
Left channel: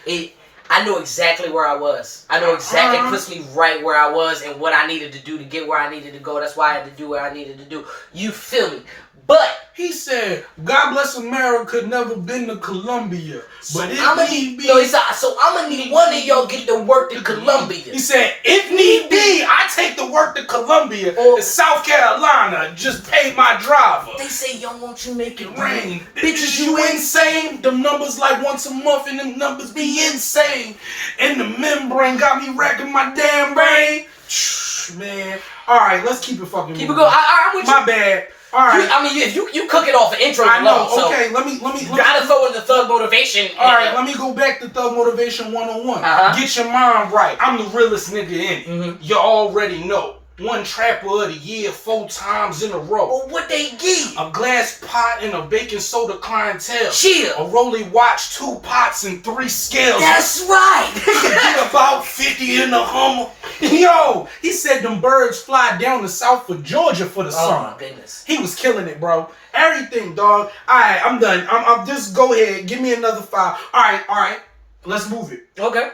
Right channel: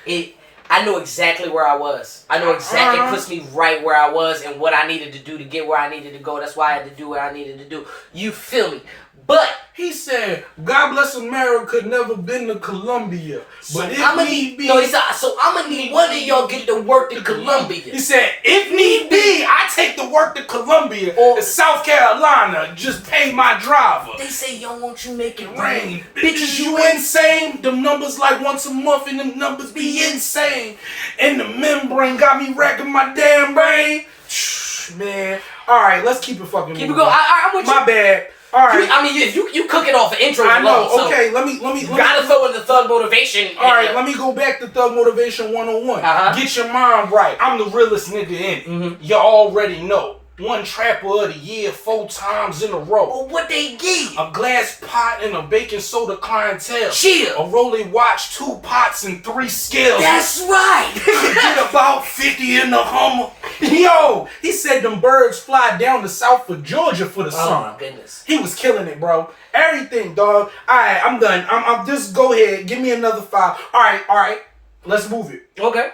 I know exactly where I was. I know exactly. It puts me right where I was and what I needed to do to get where I needed to go. That's why I had to do what I needed to do. You feel me? But he said, "God bless America, never been to Colombia, but if need be." No, he said, "So I'm gonna need one of y'all get to work to Colombia." He said, "If need be, I take the work to Colombia or South Carolina. Just pay my driver." They say, "Yo, won't you make it rain?" Bitches, you insane? Them numbers like once a month, and them numbers be insane. And the membrane got me racking my damn brain. Man, all right, let's keep it fucking. Keep it going. I'm with you. My bad. All right. I mean, if you cook it off of intro, I know. Alone, okay, so let me. Gotta throw in the Thug Motivation. All right, let me go back to Thug Motivation 101. Get your mind right. I'm the realest nigga in it. You already know. One trapper of the year 4 times in a row. Well, what they give? A glass pot and a baking soda clientele. Chill. A Rolly watch, 2 pots and 3 scales. That's right. Get about 50 in the Hummer. Yo, he said them birds fly down to South of Georgia for the summer. Oh my goodness. He was killing it, bro. Everything, dog. Alright, I'm done. I'm just go ahead. Give me another 5. Alright. Let's move it. Okay.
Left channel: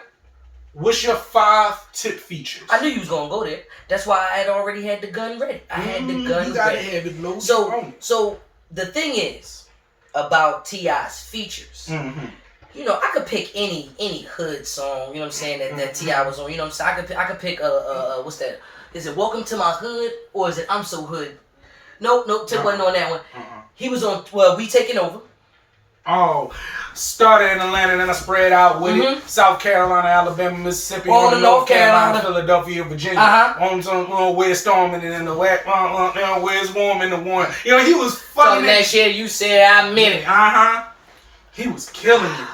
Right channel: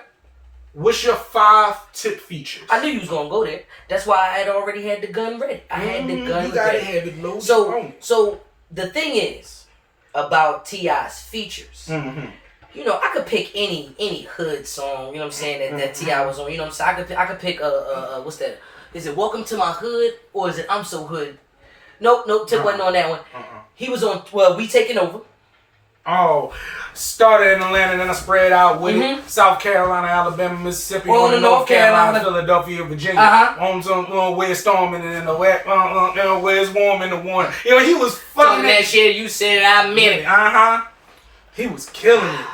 What's your 5 tip features? I knew you was gonna go there. That's why I had already had the gun ready. I had the gun ready. You gotta have it low. So the thing is about T.I.'s features. You know, I could pick any hood song. You know what I'm saying that T.I. was on. You know what I'm saying. I could pick what's that? Is it Welcome to My Hood or is it I'm So Hood? Nope. Tip wasn't on that one. He was on We Taking Over. Oh, started in Atlanta, then I spread out with it. South Carolina, Alabama, Mississippi, on to North Carolina, Philadelphia, Virginia. On some where it's storming and in the wet, where it's warm in the one. You know, he was fucking that shit. You said I meant it. He was killing it.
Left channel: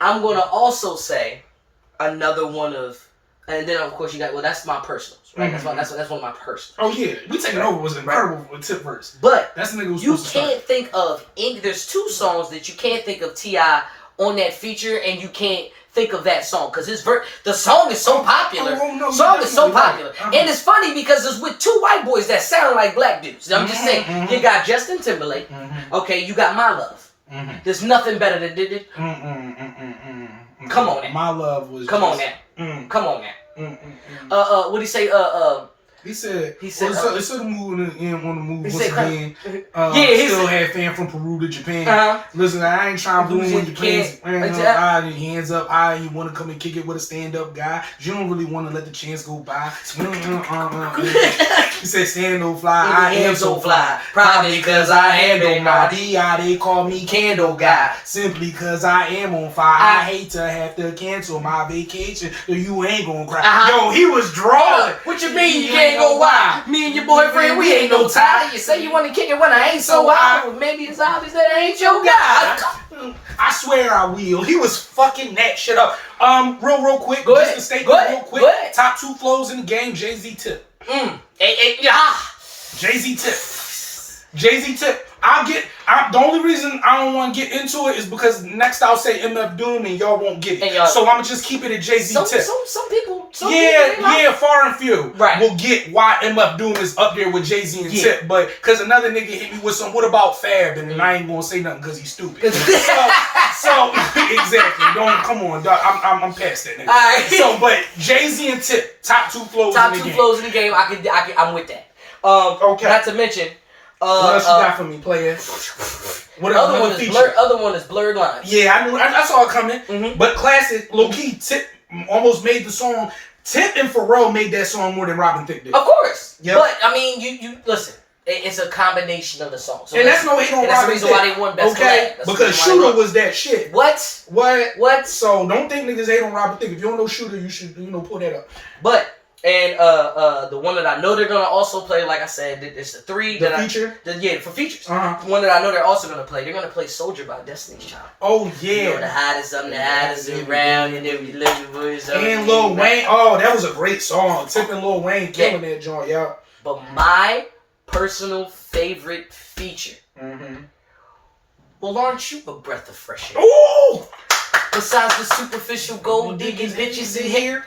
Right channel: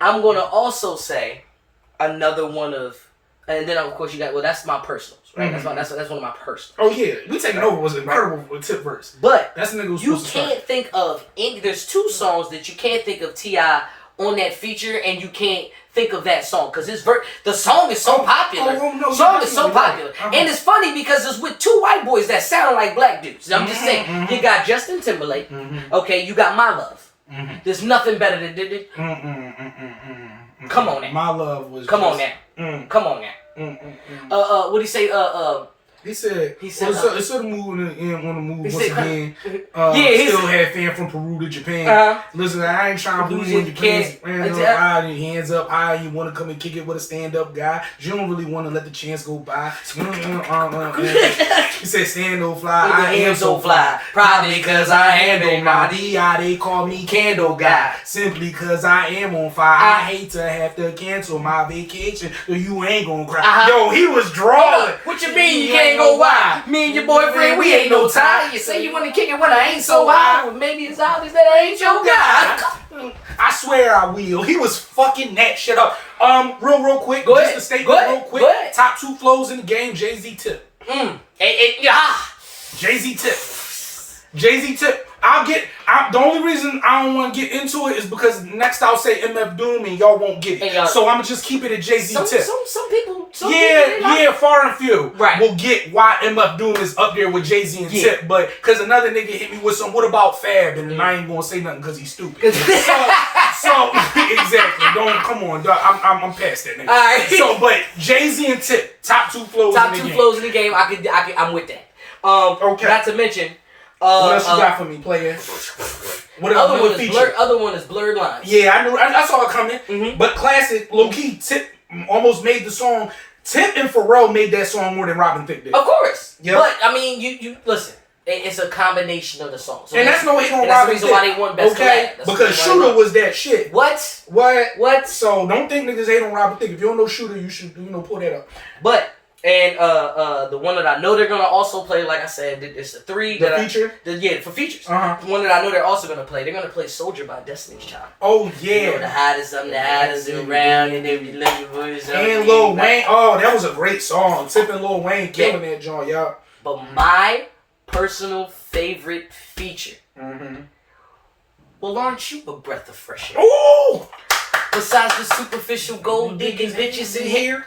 I'm gonna also say another one of And then of course you got that's my personals, right? Mm-hmm. That's one of my personals. Oh yeah, We Taking Over was incredible with Tip verse. But that's the nigga who's you can't think of any. There's 2 songs that you can't think of T.I. on that feature, and you can't think of that song because the song is so popular. No, song is so popular, and it's funny because it's with 2 white boys that sound like black dudes. I'm just saying, you got Justin Timberlake. Okay, you got My Love. There's nothing better than did it. Come on now. My Love was. Come on now. Come on now. What do you say? He said, it's sort of moving in on the move once again. Still had fan from Peru to Japan. Listen, I ain't trying to lose in Japan. Hands up high, you want to come and kick it with a stand-up guy. You don't really want to let the chance go by. He said, stand no fly, I am so fly. Probably because I handle my D.I. They call me Candle Guy. Simply because I am on fire. I hate to have to cancel my vacation, so you ain't gonna cry. Yo, he was drawing. What you mean you can't go why? Me and your boyfriend, we ain't no tie. You say you want to kick it when I ain't so high. Well, maybe it's obvious that I ain't your guy. I swear I will. He was fucking that shit up. Real quick. Go just ahead. a statement real quick. Top 2 flows in the game, Jay-Z Tip. Jay-Z Tip. The only reason I don't want to get into it is because next I'll say MF Doom and y'all won't get it. So I'm going to just keep it at Jay-Z Tip. Some people. Far and few will get why MF Doom is up there with Jay-Z and Tip. But because another nigga hit me with some, what about Fab? And I ain't going to say nothing because he's stupid. so exactly. Come on, dog. I'm past that nigga. All right. So, but Jay-Z and Tip, top 2 flows in the game. Top 2 flows in the game. I'm with that. Okay. Not to mention. What else you got for me, player? Other one is Blurred Lines. Yeah, I knew. I saw it coming. But classic, low key. Tip almost made the song. Tip and Pharrell made that song more than Robin Thicke did. Of course. Yep. But I mean, you listen. It's a combination of the songs. So and that's no hate on Robin Thicke. That's the reason why they won Best Collab. Because Shooter was that shit. What? So don't think niggas hate on Robin Thicke. If you don't know Shooter, you should pull that up. But. And the one that I know they're gonna also play, like I said, it's the 3 that feature. For features. One that I know they're also gonna play. They're gonna play Soldier by Destiny's Child. Oh yeah. You know, the hottest around, and then you let your voice. And Lil Wayne. Oh, that was a great song. Tip and Lil Wayne killing that joint, y'all. But my personal favorite feature. Well, aren't you a breath of fresh air? Ooh. Besides the superficial gold digging bitches in here.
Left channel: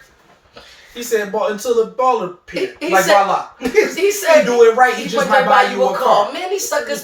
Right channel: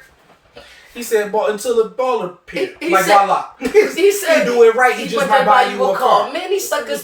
He said, until the baller pit. He said, he do it right. He just might buy you a car. Man, he suckers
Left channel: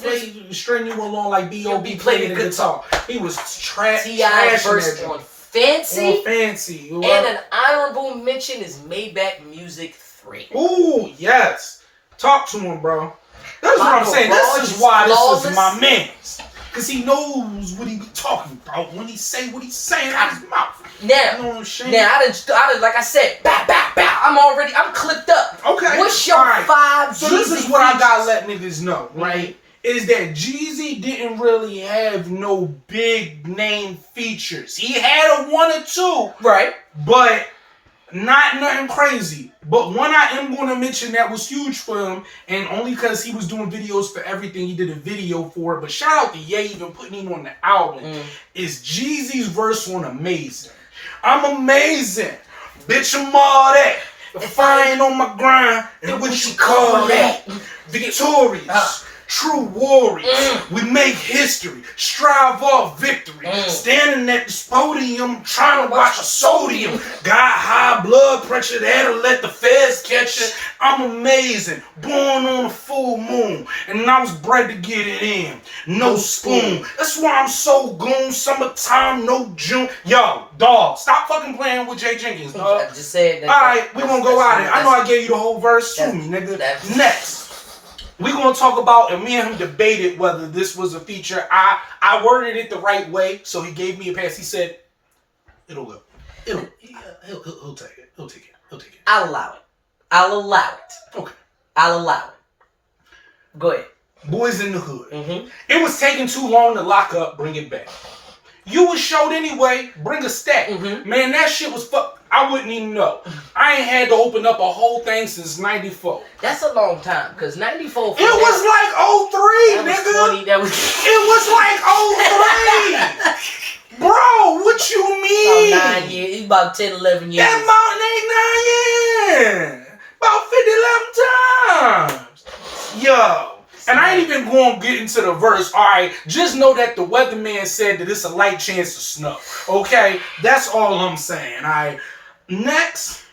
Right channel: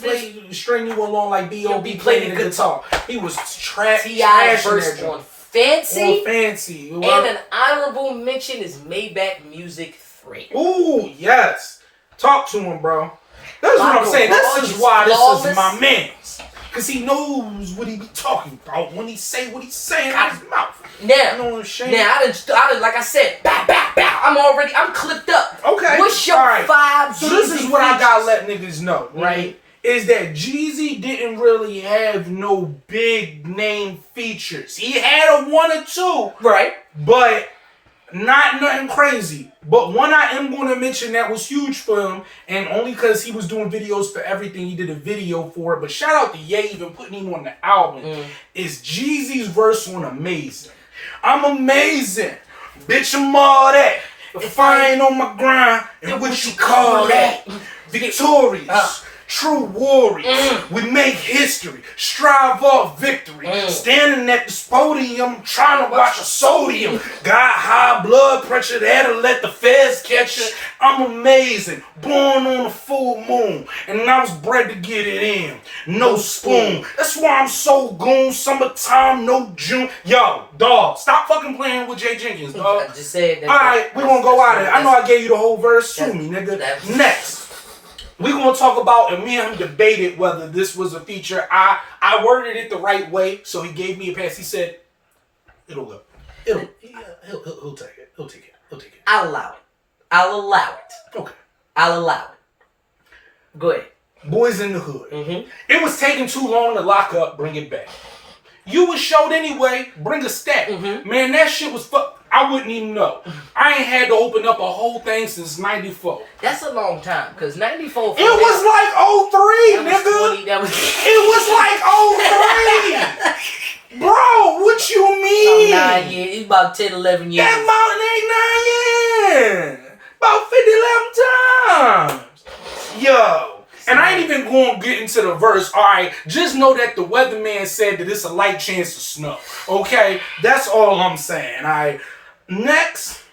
string you along like B.O.B. playing the guitar. He was T.I. verse on Fancy. And an honorable mention is Maybach Music 3. Ooh, yes. Talk to him, bro. That's what I'm saying. This is why this is my man's. Because he knows what he be talking about when he say what he's saying out his mouth. Now, I didn't, like I said, I'm clipped up. Okay. What's your 5 So this is what I gotta let niggas know, right? Is that Jeezy didn't really have no big name features. He had a 1 or 2. Right. But not nothing crazy. But one I am going to mention that was huge for him, and only because he was doing videos for everything, he did a video for it. But shout out to Ye even putting him on the album. Is Jeezy's verse on Amazin'. I'm amazing. Bitch, I'm all that. If I ain't on my grind, and what you call that? Victorious. True warriors. We make history. Strive for victory. Standing at this podium, trying to watch a sodium. Got high blood pressure, that'll let the feds catch it. I'm amazing. Born on a full moon. And I was bred to get it in. No spoon. That's why I'm so goon. Summertime, no June. Yo, dog, stop fucking playing with Jay Jenkins, dog. I just said that. Alright, we gonna go out of it. I know I gave you the whole verse. Sue me, nigga. Next. We're going to talk about, and me and him debated whether this was a feature. I worded it the right way, so he gave me a pass. He said, it'll go. He'll take it. He'll take it. I'll allow it. Okay. I'll allow it. Go ahead. Boys in the Hood. It was taking too long to lock up, bring it back. You was showed anyway, bring a stack. Man, that shit was I wouldn't even know. I ain't had to open up a whole thing since 94. That's a long time, because 94... It was like 03, nigga. It was like 03. Bro, what you mean? About 9 years. It's about 10, 11 years. That mountain ain't 9 years. About 50, 11 times. Yo. And I ain't even going to get into the verse. All right, just know that the weatherman said that it's a light chance of snow. Okay, that's all I'm saying. All right, next,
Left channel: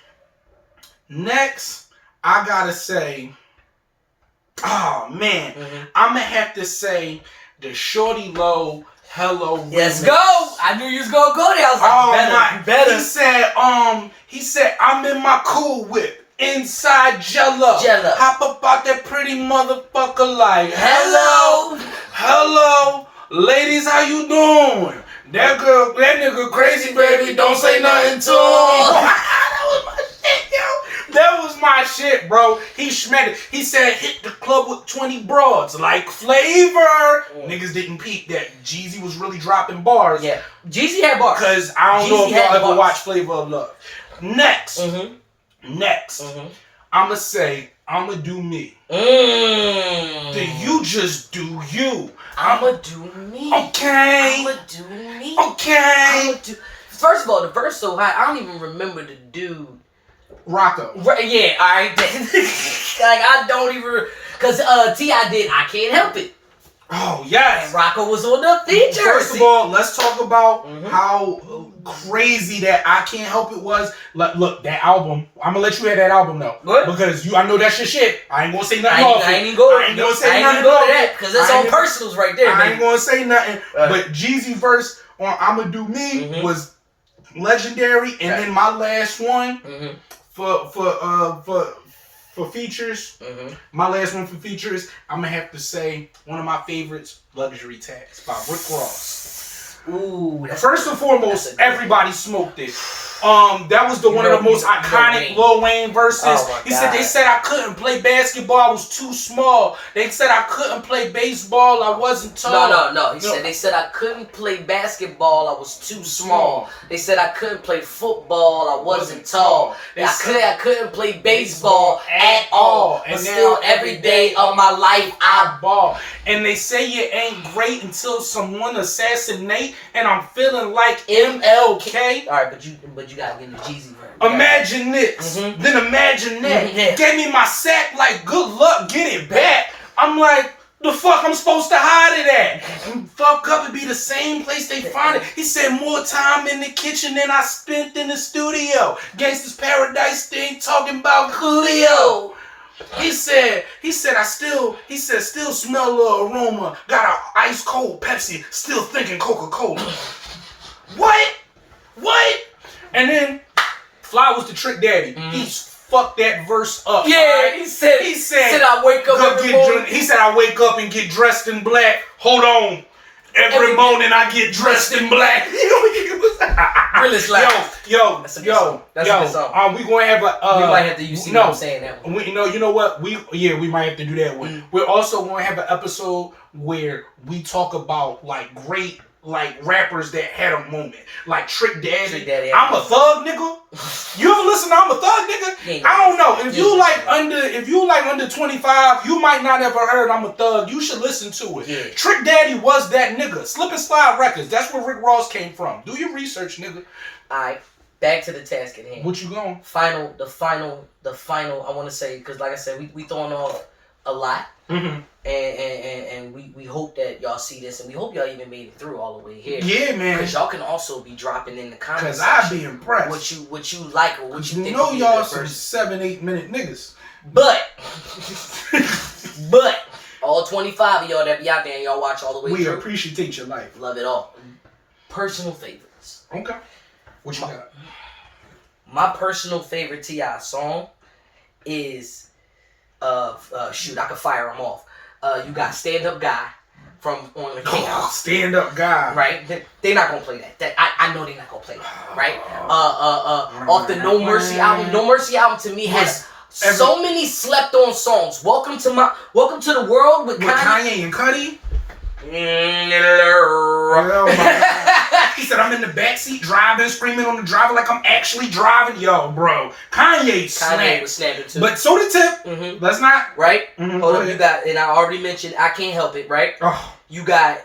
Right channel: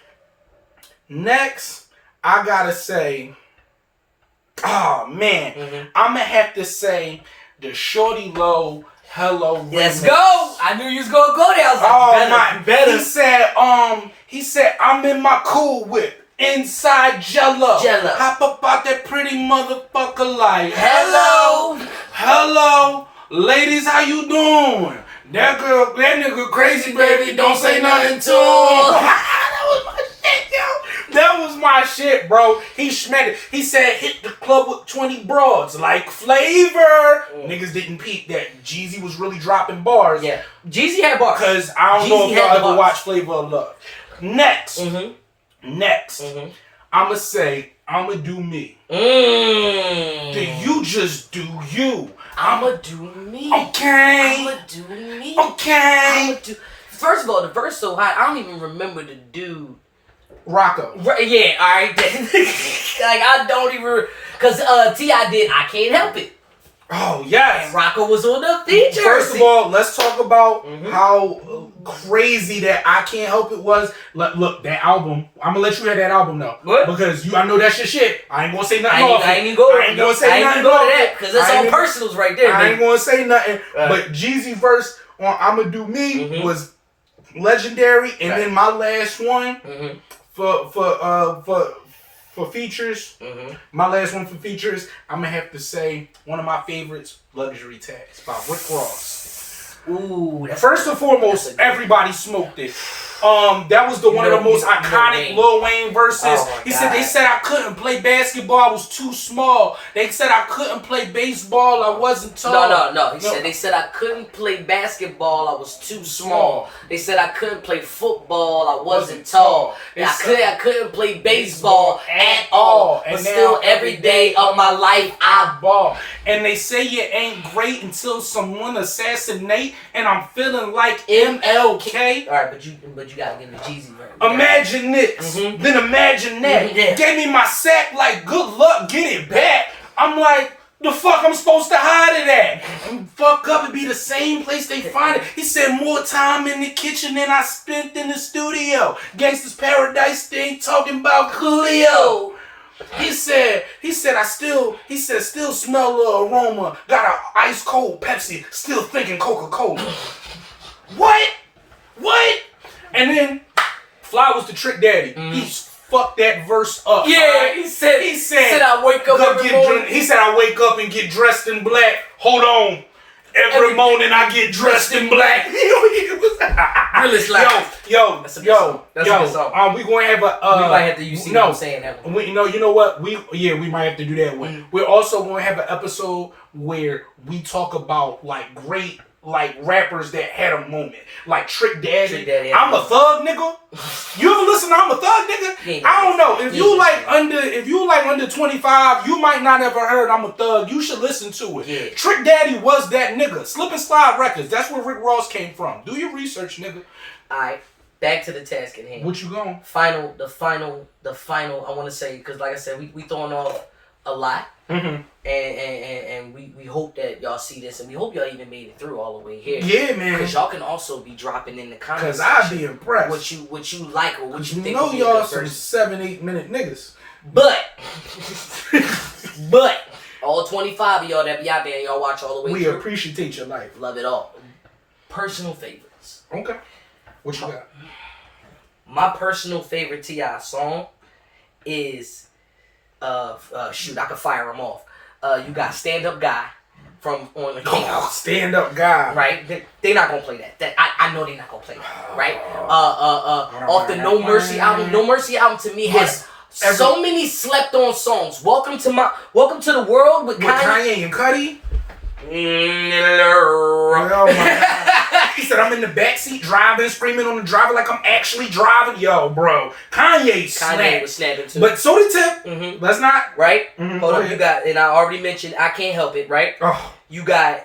I gotta say, oh man, I'm gonna have to say the Shorty Low Hello. Let's go. I knew you was gonna go there. I was like, better. He said, I'm in my cool whip. Inside Jello. Hop up out that pretty motherfucker like, hello, ladies, how you doing? That nigga crazy, baby, don't say nothing to him. That was my shit, bro. He shmed it. He said, hit the club with 20 broads like Flavor. Niggas didn't peep that Jeezy was really dropping bars. Yeah, Jeezy had bars. Because I don't know if y'all ever watched Flavor of Love. Next, I'ma say, I'ma do me. Then you just do you. I'ma do me. Okay. I'ma do me. Okay. First of all, the verse so high, I don't even remember the dude. Rocko. Right, yeah, alright. Like, I don't even... Because T.I. did I Can't Help It. Oh, yes. And Rocko was on the feature. First of all, let's talk about how crazy that I Can't Help It was. Look, that album, I'm going to let you hear that album now. What? Because I know that's your shit. I ain't going to say nothing off it. I ain't even going to say nothing off that. Because that's all personals right there, I ain't going to say nothing. But Jeezy verse on I'ma Do Me was legendary. And then my last one for features, my last one for features, I'm gonna have to say one of my favorites, Luxury Tax by Rick Ross. Ooh. First and foremost, everybody smoked it. That was one of the most iconic Lil Wayne verses. Oh They said I couldn't play basketball, I was too small. They said I couldn't play baseball, I wasn't tall. No. They said I couldn't play basketball, I was too small. They said I couldn't play football, I wasn't tall. I couldn't play baseball at all. But still every day of my life I ball. And they say you ain't great until someone assassinate, and I'm feeling like MLK. All right, but you gotta get the Jeezy version. Imagine this, then imagine that. Gave me my sack like, good luck, get it back. I'm like, the fuck I'm supposed to hide it at? Fuck up and be the same place they find it. He said more time in the kitchen than I spent in the studio. Gangsta's Paradise thing talking about Coolio. He said, still smell the aroma. Got an ice cold Pepsi, still thinking Coca-Cola. What? And then Fly was the Trick Daddy. He fucked that verse up. Yeah, right? he said I wake up every morning. He said I wake up and get dressed in black. Hold on. Every morning I get dressed in black. Realist loud. Yo. That's a good song. We gonna have a. We might have to. You see what I'm saying that one. You know what? We might have to do that one. We're also gonna have an episode where we talk about like great rappers that had a moment, like Trick Daddy. I'm a thug nigga. You ever listen to I'm a thug nigga? I don't know. If you like under 25, you might not ever heard I'm a thug. You should listen to it. Yeah. Trick Daddy was that nigga. Slip and Slide Records. That's where Rick Ross came from. Do your research, nigga. Alright, back to the task at hand. What you going? The final. I want to say, because like I said, we throwing off a lot. And we hope that y'all see this, and we hope y'all even made it through all the way here. Yeah, man. Because y'all can also be dropping in the comments. Because I'd be impressed. What you like or what you think. You know y'all some 7-8 minute niggas. But all 25 of y'all that be out there and y'all watch all the way through. We appreciate your life. Love it all. Personal favorites. Okay. What you got? My personal favorite T.I. song is shoot, I could fire them off. You got Stand Up Guy from On the King. Stand Up Guy. Right? They're not gonna play that. I know they're not gonna play that. Right? Off the No Mercy album. No Mercy album to me has so many slept on songs. Welcome to the World with Kanye and Cudi. Oh my God. He said I'm in the backseat driving, screaming on the driver like I'm actually driving. Yo, bro. Kanye was snapping too. But so did Tip. Let's not. Right? Hold on, you got, and I already mentioned I Can't Help It, right? Oh. You got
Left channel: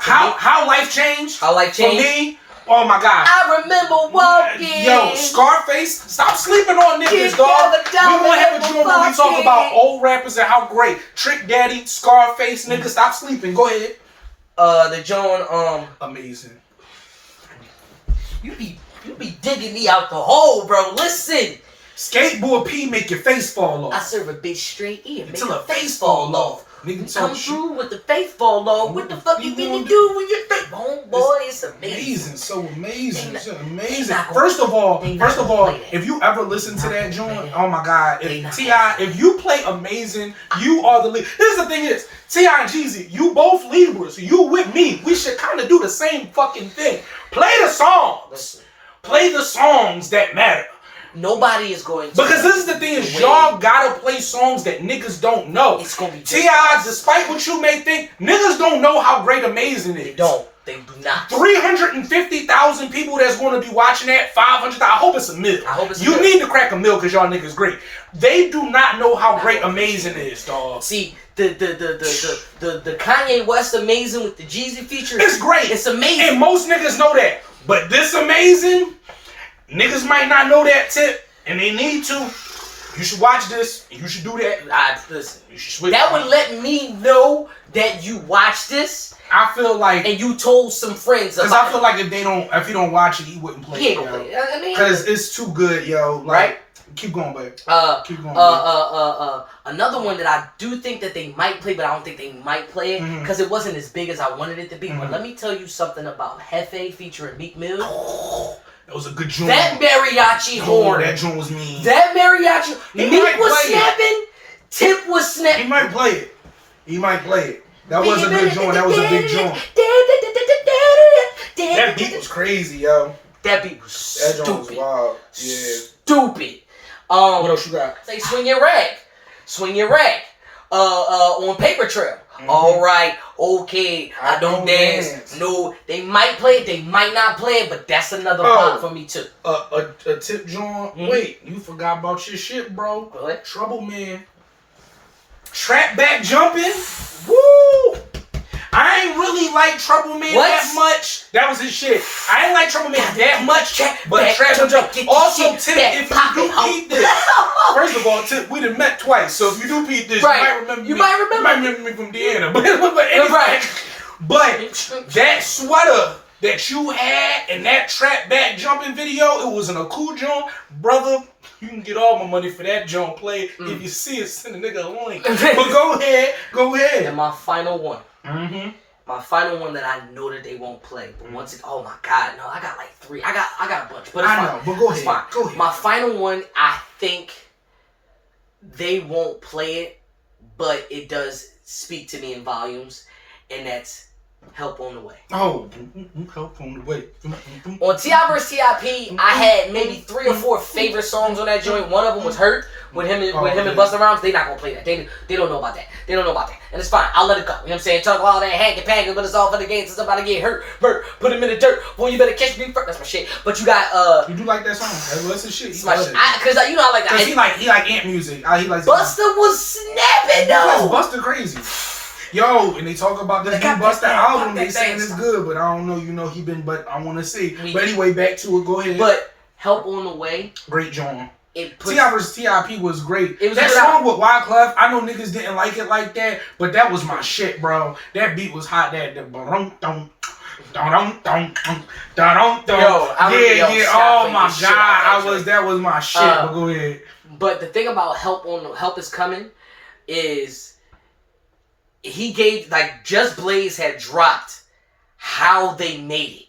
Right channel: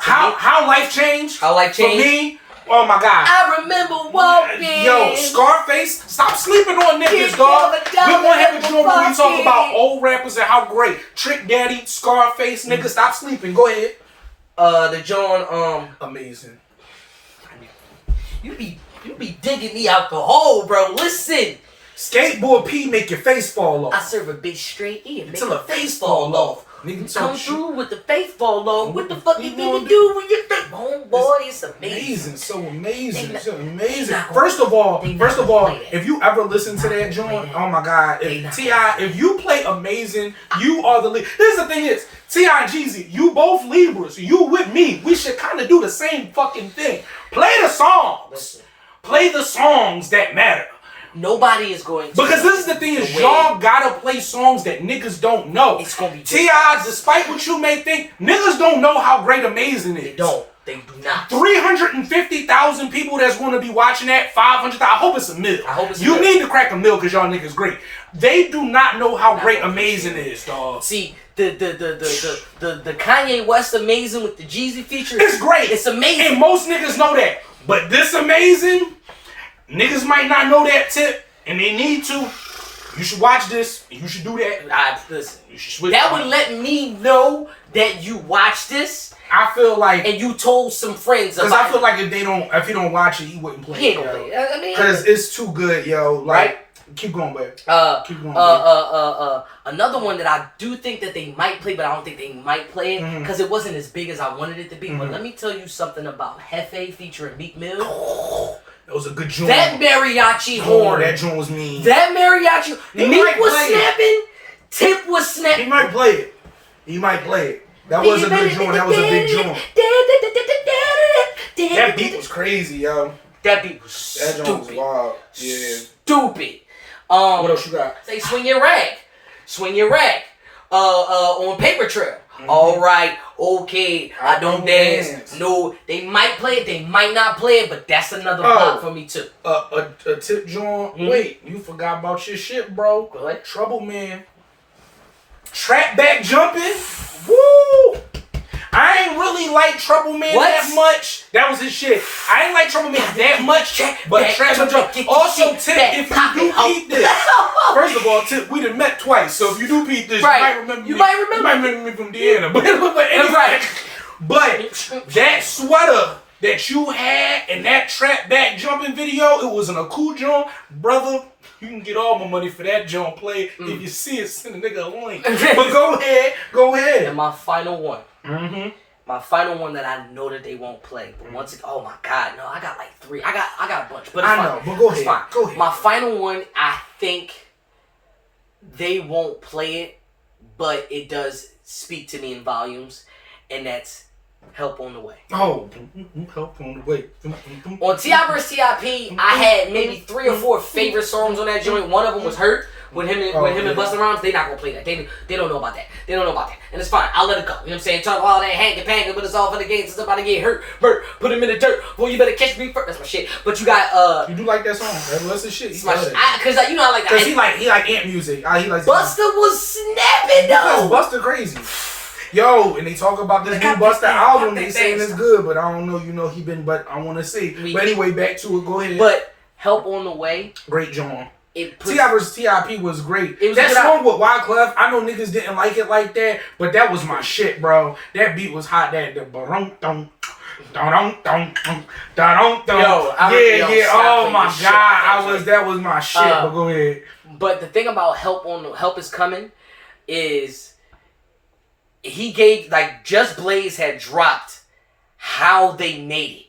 How Life Changed. How Life Changed. For me, oh my God. I remember walking. Yo, Scarface, stop sleeping on niggas, dog. We're gonna have a joint where we talk about old rappers and how great. Trick Daddy, Scarface, niggas, stop sleeping. Go ahead. The John, Amazing. You be digging me out the hole, bro. Listen. Skateboard P make your face fall off. I serve a bitch straight ear, make until her face fall off. Nigga come through with the face fall off. What the fuck you gonna do when your face? Homeboy, it's amazing. So amazing. So amazing. First of all, if you ever listen to that joint, oh my God. If you play Amazing, you are the lead. This is the thing is, T.I. and Jeezy, you both Libras. You with me. We should kind of do the same fucking thing. Play the songs. Listen. Play the songs that matter. Nobody is going to. Because this is the thing is, y'all gotta play songs that niggas don't know. It's gonna be T.I., despite what you may think, niggas don't know how great Amazing is. They don't. They do not. 350,000 people that's gonna be watching that. 500,000. I hope it's a mil. I hope it's You need to crack a mil because y'all niggas great. They do not know how great Amazing is, dog. See, the Kanye West Amazing with the Jeezy feature. It's great. It's amazing. And most niggas know that. But this Amazing, niggas might not know that tip, and they need to. You should watch this, and you should do that. Listen, you should switch. That would let me know that you watch this. I feel like, and you told some friends about it. Because I feel like if he don't watch it, he wouldn't play it. He ain't gonna play it. I mean, because it's too good, yo. Like, right? Keep going, baby. Keep going. Another one that I do think that they might play, but I don't think they might play it because it wasn't as big as I wanted it to be. But let me tell you something about Jefe featuring Meek Mill. That was a good joint. That mariachi horn. That joint was mean. That mariachi. Meek was snapping. Tip was snapping. He might play it. He might play it. That was a good joint. That was a big joint. That beat was crazy, yo. That beat was stupid. That joint was wild. Yeah. Stupid. What else you got? Say swing your rag. Swing your rag. On Paper Trail. All right, okay, I don't dance. No, they might play it, they might not play it, but that's another pop for me too. A tip joint. Wait, you forgot about your shit, bro. What? Trouble Man. Trap back jumping. Woo! I ain't really like Trouble Man that much. That was his shit. I ain't like Trouble Man that much, but Trap back jump. Also, tip if you do peep this. First of all, tip we done met twice, so if you do peep this, you might remember me from Deanna. But anyway, but that sweater that you had in that trap back jumping video, it was in a cool joint, brother. You can get all my money for that joint play. If you see it, send a nigga a link. But go ahead. And my final one. My final one that I know that they won't play, but once it, oh my God, no, I got like 3. I got a bunch, but it's fine. I know, but go ahead. Fine. Go ahead. My final one, I think they won't play it, but it does speak to me in volumes, and that's Help on the Way. Oh, Help on the Way. On T.I. vs. T.I.P., I had maybe 3 or 4 favorite songs on that joint. One of them was Hurt. With him and Busta Rhymes, they not gonna play that. They don't know about that. They don't know about that. And it's fine. I'll let it go. You know what I'm saying? Talk all that hanky-panky, but it's all for the games. It's about to get hurt. Put him in the dirt. Boy, you better catch me first. That's my shit. But you got You do like that song. That's his shit. It's my shit. Cause you know I like that. Cause he like ant music. He likes Busta was snapping though. Busta crazy. Yo, and they talk about this new Busta album. They saying it's good, but I don't know. You know but I want to see. But anyway, back to it. Go ahead. But Help on the Way. Great John. T.I. vs. T.I.P. was great. That song with Wyclef, I know niggas didn't like it like that, but that was my shit, bro. That beat was hot. Yo, oh my God, that was my shit. But go ahead. But the thing about Help Is Coming is he gave Just Blaze had dropped how they made it.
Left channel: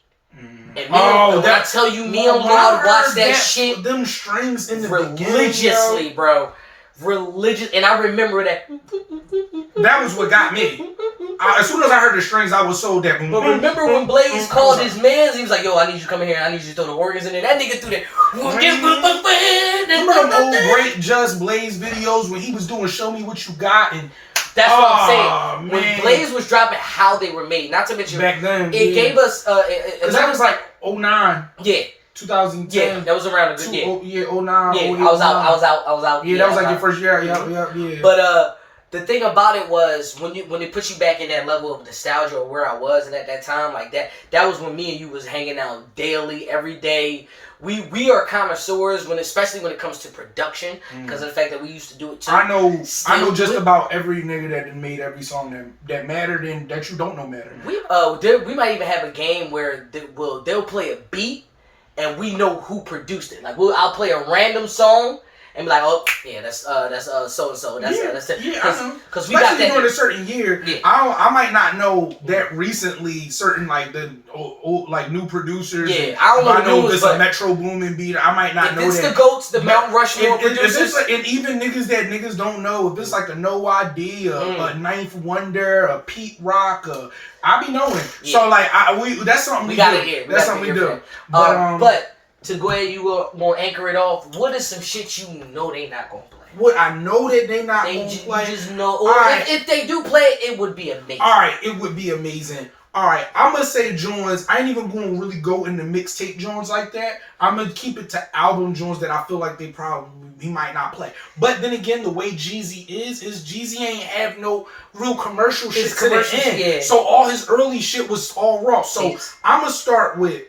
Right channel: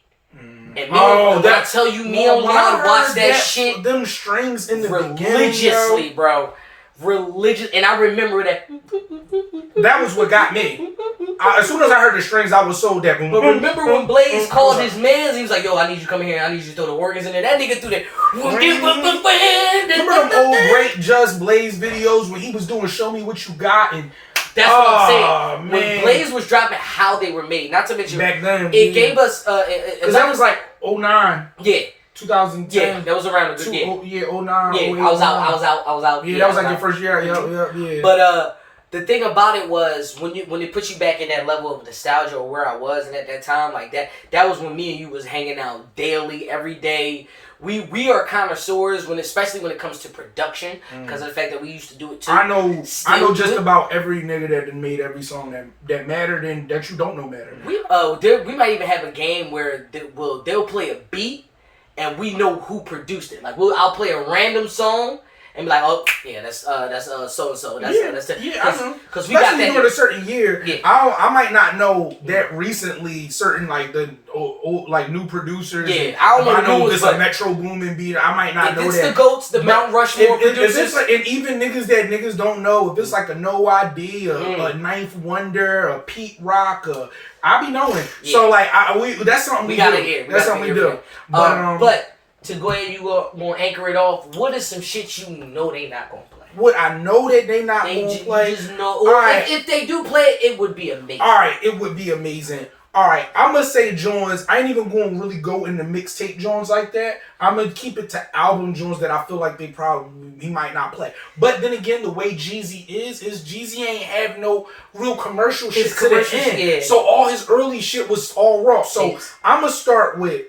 And when I tell you, me on Laug watched that shit. Them strings in the religiously, bro. Religious, and I remember that. That was what got me. As soon as I heard the strings, I was sold that. But remember when Blaze called his mans? He was like, "Yo, I need you to come in here. I need you to throw the organs in there." That nigga threw that. Remember them old great Just Blaze videos when he was doing "Show Me What You Got" and. That's what I'm saying. Man. When Blaze was dropping how they were made, not to mention back then, it gave us because that was like 09. Yeah. 2010. Yeah, that was around a good year. 09. Yeah, I was out. Yeah, that was like your first year. Yeah. But the thing about it was when it puts you back in that level of nostalgia or where I was and at that time, like that was when me and you was hanging out daily, every day. We are connoisseurs especially when it comes to production because of the fact that we used to do it too. I know just about every nigga that made every song that mattered and that you don't know mattered. We might even have a game where they'll play a beat and we know who produced it. Like I'll play a random song. And be like, oh yeah, that's so and so. That's it. Yeah, I know. Because we got that during a certain year. Yeah. I might not know that recently. Certain like the like new producers. Yeah, I don't know if it's a Metro Boomin beat. I might not know that. If it's the GOATs, the Mount Rushmore producers. If it's like, and even niggas that niggas don't know. If it's like a No ID, a Ninth Wonder, a Pete Rock, I be knowing. Yeah. So like that's something we gotta do. hear. That's something we do. But to go ahead, you gonna anchor it off. What is some shit you know they not gonna play? What I know that they not gonna play. Just know, or if they do play it, would be amazing. All right, it would be amazing. All right, I'm gonna say joints. I ain't even gonna really go into mixtape joints like that. I'm gonna keep it to album joints that I feel like he might not play. But then again, the way Jeezy is Jeezy ain't have no real commercial shit to the end. Yeah. So all his early shit was all raw. So I'm gonna start with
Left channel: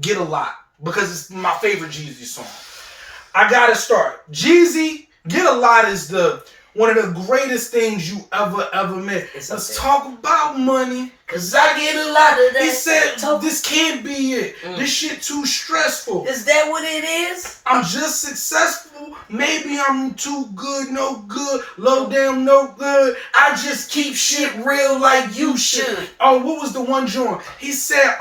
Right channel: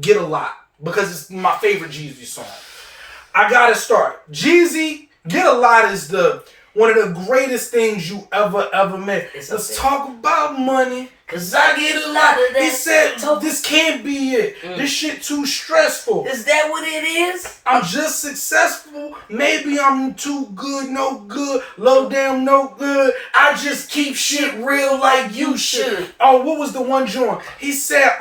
Get a Lot, because it's my favorite Jeezy song. I gotta start. Jeezy, Get a Lot is one of the greatest things you ever met. Let's talk about money, cause I get a lot of that. He said, this can't be it. This shit too stressful. Is that what it is? I'm just successful. Maybe I'm too good, no good. Low down, no good. I just keep shit real like you should. Oh, what was the one joint? He said,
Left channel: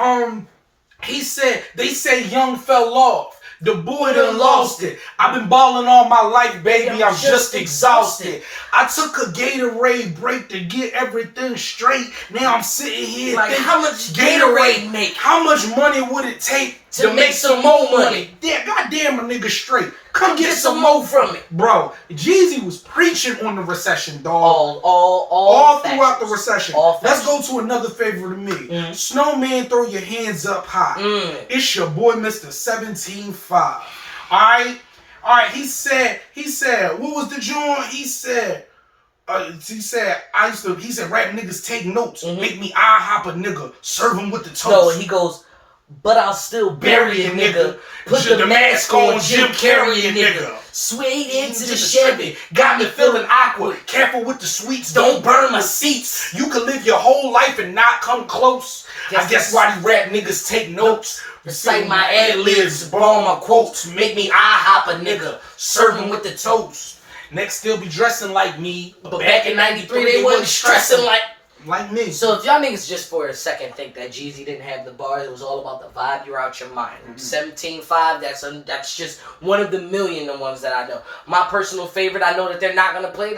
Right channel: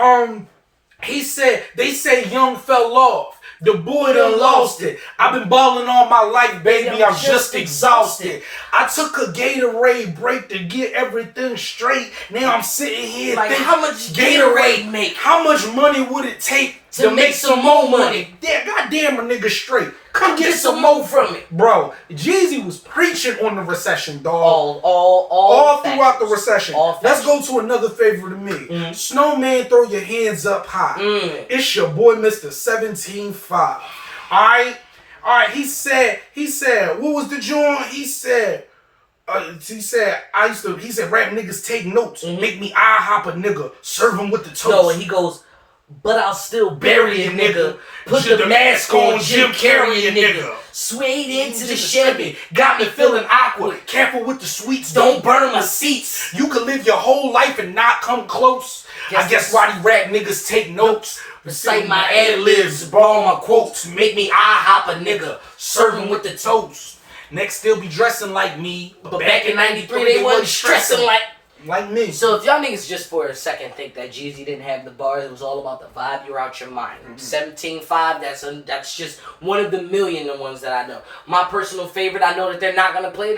they say Young fell off. The boy done lost it. I've been balling all my life, baby. I'm just exhausted. I took a Gatorade break to get everything straight. Now I'm sitting here like, thinking, how much Gatorade make? How much money would it take to make some more money? Yeah, goddamn a nigga straight. Come get some more from it. Bro, Jeezy was preaching on the Recession, dog. All throughout the Recession. Let's go to another favorite of me. Snowman, throw your hands up high. It's your boy, Mr. 17-5. Alright, he said, what was the joint? He said, rap niggas take notes. Make me eye hop a nigga. Serve him with the toast. No, he goes, but I'll still bury a nigga. Put the mask on, Jim Carrey a nigga. Swayed into the Chevy, got me feeling awkward. Careful with the sweets, don't burn my seats. You could live your whole life and not come close. I guess why these rap niggas take notes. Recite my ad-libs, borrow my quotes. Make me eye hop a nigga. Serve him with the toast. Next they'll be dressing like me. But back in 93 they wasn't stressing like me. So if y'all niggas just for a second think that Jeezy didn't have the bars, it was all about the vibe, you're out your mind. 17-5, that's just one of the million ones that I know. My personal favorite, I know that they're not gonna play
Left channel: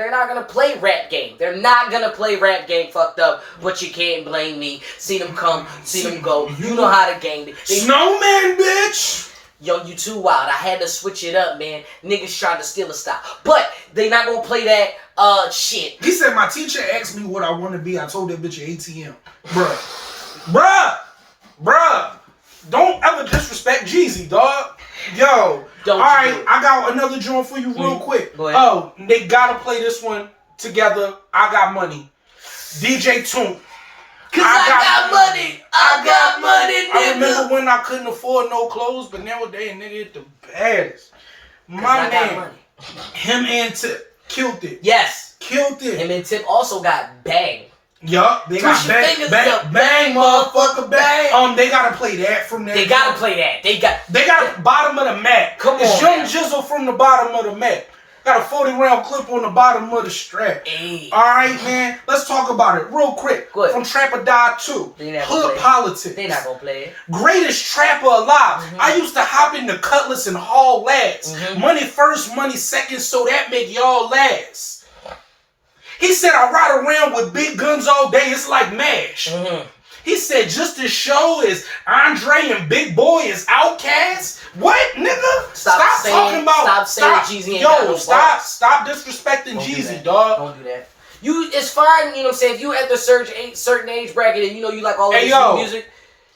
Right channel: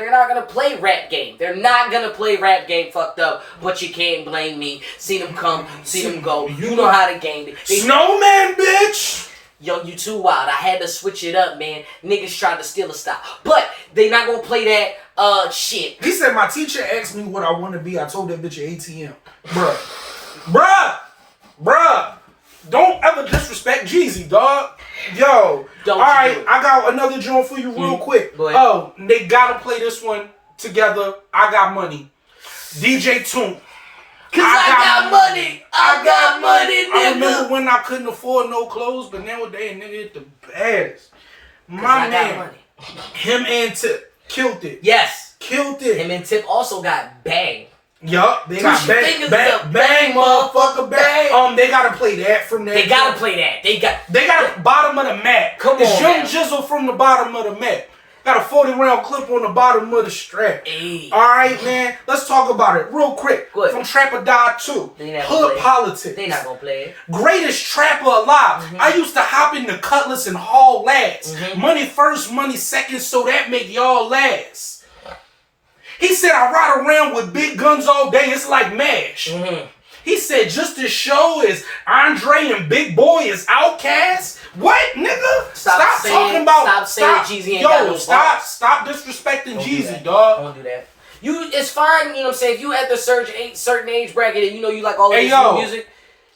Rap Game. They're not gonna play Rap Game fucked up, but you can't blame me. See them come, see them go. You know how to game it. Snowman, bitch! Yo, you too wild. I had to switch it up, man. Niggas tried to steal a style. But they not gonna play that shit. He said my teacher asked me what I want to be. I told that bitch an ATM. Bruh. Don't ever disrespect Jeezy, dog. Yo. Alright, I got another joint for you real quick. Go ahead. Oh, they gotta play this one together. I Got Money. DJ Toon. Cause I got money. I got money, nigga. I remember when I couldn't afford no clothes, but nowadays, nigga, it's the baddest. My man, him and Tip killed it. Yes. Killed it. Him and Tip also got Bang. Yup, they got bang, motherfucker, bang. They gotta play that from there. They gotta play that. They got bottom of the map. Come on, it's Young Jizzle from the bottom of the map. Got a 40-round clip on the bottom of the strap. Hey. Alright, man. Let's talk about it real quick. Good. From Trap or Die 2. Hood Politics. They not gonna play it. Greatest trapper alive. I used to hop in the Cutlass and haul last. Money first, money second, so that make y'all last. He said I ride around with big guns all day. It's like MASH. He said just as show is Andre and Big Boy is Outkast. What, nigga? Stop talking about. Stop saying Jeezy ain't got no bars. Stop disrespecting Jeezy, dog. Don't do that. It's fine, you know what I'm saying? If you at the certain age bracket and you know you like all of this new music.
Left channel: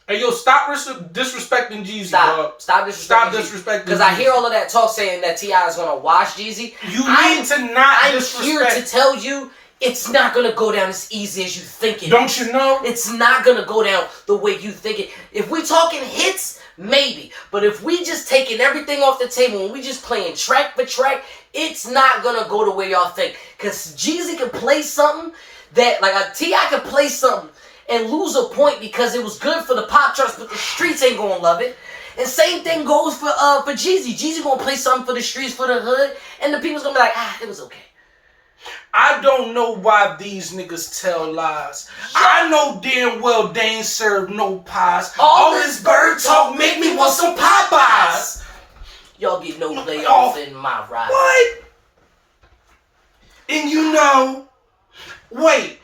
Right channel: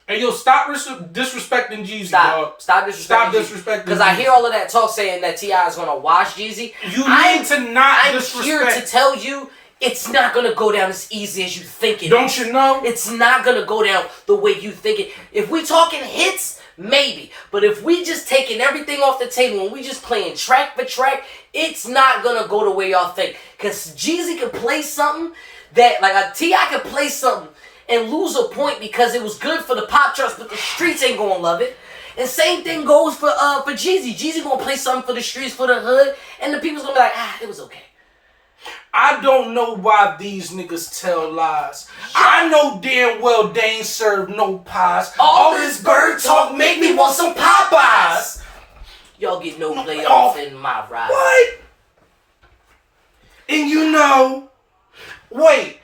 Hey, yo, stop disrespecting Jeezy, Stop disrespecting because I hear all of that talk saying that T.I. is going to wash Jeezy. You need to not disrespect. I'm here to tell you, it's not going to go down as easy as you think it Don't you know? It's not going to go down the way you think it. If we talking hits, maybe. But if we just taking everything off the table and we just playing track for track, it's not going to go the way y'all think. Because Jeezy can play something that, like a T.I. can play something and lose a point because it was good for the pop charts, but the streets ain't gonna love it. And same thing goes for Jeezy. Jeezy gonna play something for the streets, for the hood, and the people's gonna be like, it was okay. I don't know why these niggas tell lies. I know damn well they ain't served no pies. All this bird talk make me want some Popeyes. Y'all get no layoff in my ride. What? And you know, wait.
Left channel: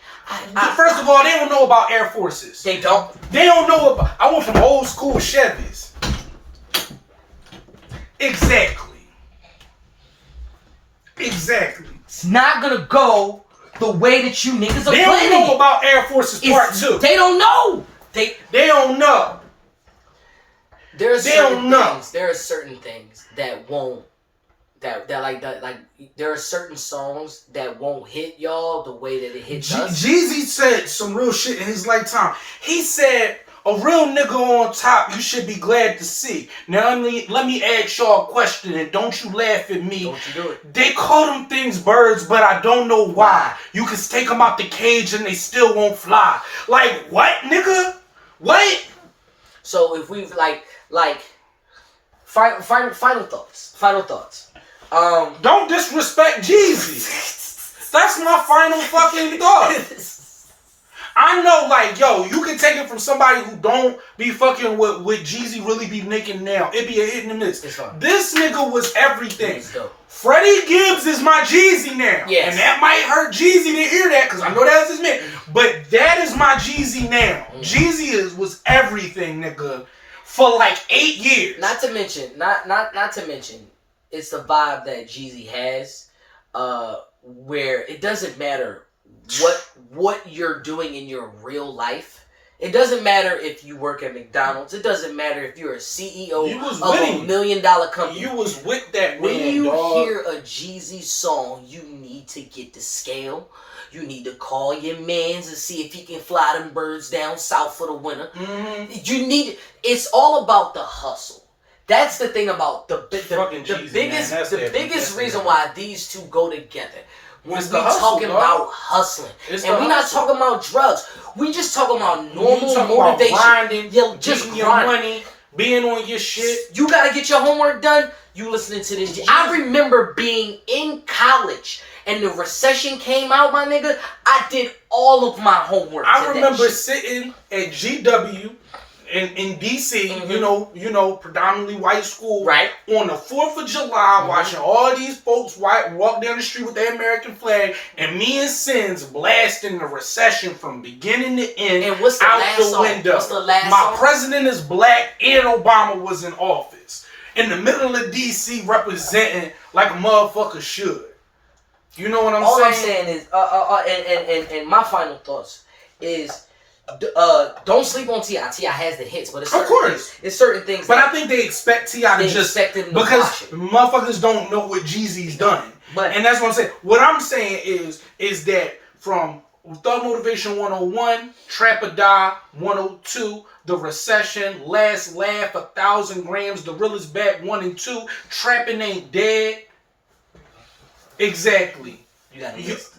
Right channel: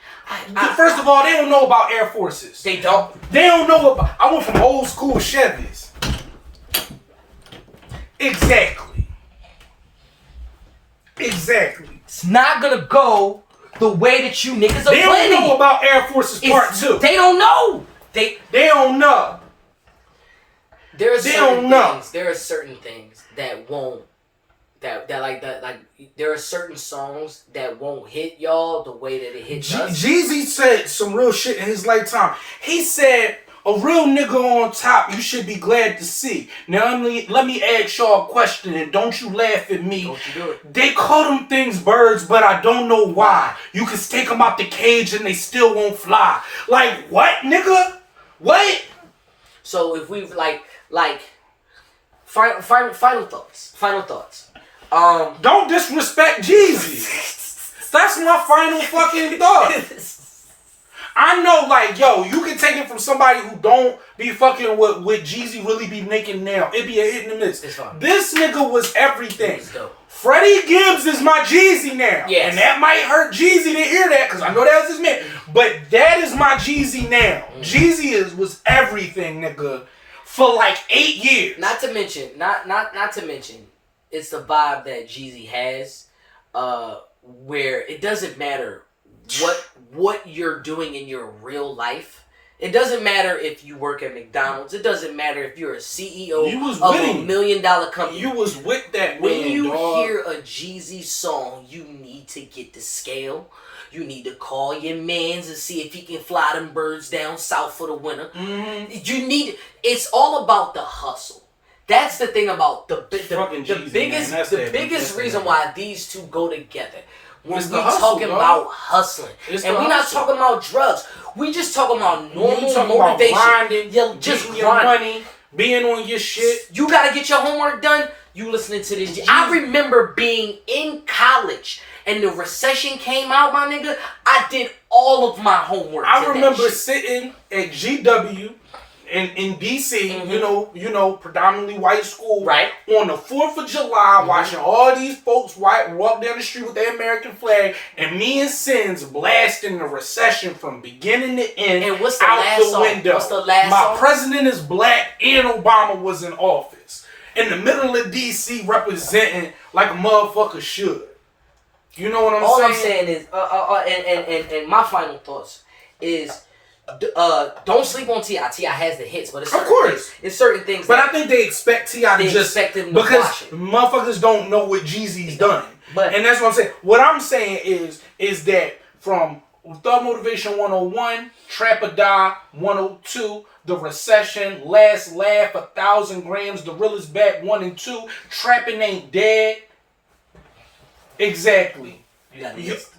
First of all, they don't know about Air Forces. They don't. They don't know about. I went from old school Chevys. Exactly. It's not gonna go the way that you niggas are planning. They don't know about Air Forces Part 2. They don't know. They don't know. There are certain things that won't. There are certain songs that won't hit y'all the way that it hits us. Jeezy said some real shit in his lifetime. He said, a real nigga on top you should be glad to see. Now let me ask y'all a question and don't you laugh at me. Don't you do it. They call them things birds, but I don't know why. You can take them out the cage and they still won't fly. Like what, nigga? What? So if we final thoughts. Don't disrespect Jeezy. That's my final fucking thought. I know, like, yo, you can take it from somebody who don't be fucking with Jeezy really be making now. It be a hit and a miss. This nigga was everything. Freddie Gibbs is my Jeezy now. Yes. And that might hurt Jeezy to hear that, because I know that was his man. But that is my Jeezy now. Jeezy was everything, nigga, for like 8 years. Not to mention, it's the vibe that Jeezy has, where it doesn't matter what you're doing in your real life. It doesn't matter if you work at McDonald's. It doesn't matter if you're a CEO of $1 million company. You was with that when man, you dog. hear a Jeezy song, you need to get the scale. You need to call your mans and see if he can fly them birds down south for the winter. Mm-hmm. It's all about the hustle. That's the thing about the biggest reason why these two go together. When we talking about hustling, and we not talking about drugs, we just talking about normal motivation. Grinding, just your money, being on your shit. You gotta get your homework done. You listening to this? I remember being in college and the Recession came out, my nigga. I did all of my homework. I remember sitting at GW. In DC, mm-hmm. you know, predominantly white school, right? On the 4th of July, mm-hmm. watching all these folks walk down the street with their American flag, and me and Sins blasting the Recession from beginning to end. And what's the out last the song? window. What's the last My song? president is black, and Obama was in office. In the middle of DC, representing like a motherfucker should. You know what I'm saying? All I'm saying is, and my final thoughts is. Don't sleep on T.I. T.I. has the hits, but it's certain things. But I think they expect T.I. to just because motherfuckers don't know what Jeezy's done. And that's what I'm saying. What I'm saying is that from Thug Motivation 101, Trap or Die 102, The Recession, Last Laugh, 1,000 Grams, The Real Is Back 1 and 2, Trappin' Ain't Dead. Exactly.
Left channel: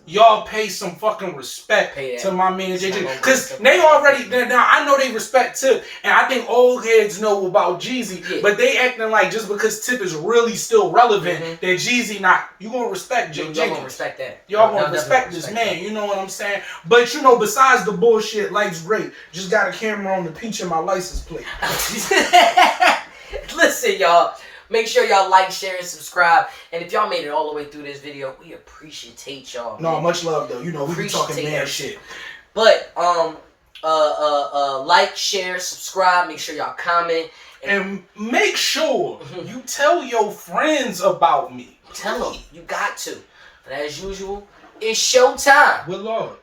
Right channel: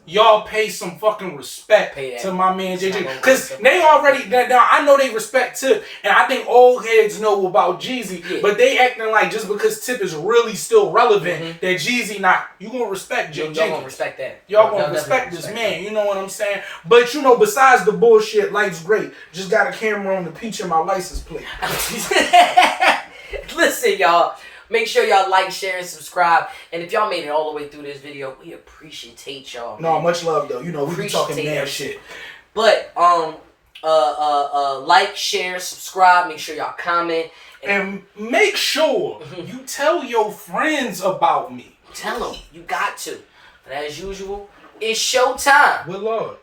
Y'all pay some fucking respect to my man JJ. Because they already, now I know they respect Tip. And I think old heads know about Jeezy. Yeah. But they acting like just because Tip is really still relevant, mm-hmm. that Jeezy not. You gonna respect JJ. Y'all gonna respect that. Y'all gonna respect this man. You know what I'm saying? But you know, besides the bullshit, life's great. Just got a camera on the peach in my license plate. Listen, y'all. Make sure y'all like, share, and subscribe. And if y'all made it all the way through this video, we appreciate y'all. No, much love though. You know, we be talking mad shit. But like, share, subscribe. Make sure y'all comment. And make sure you tell your friends about me. Tell them. You got to. But as usual, it's showtime. With Laug.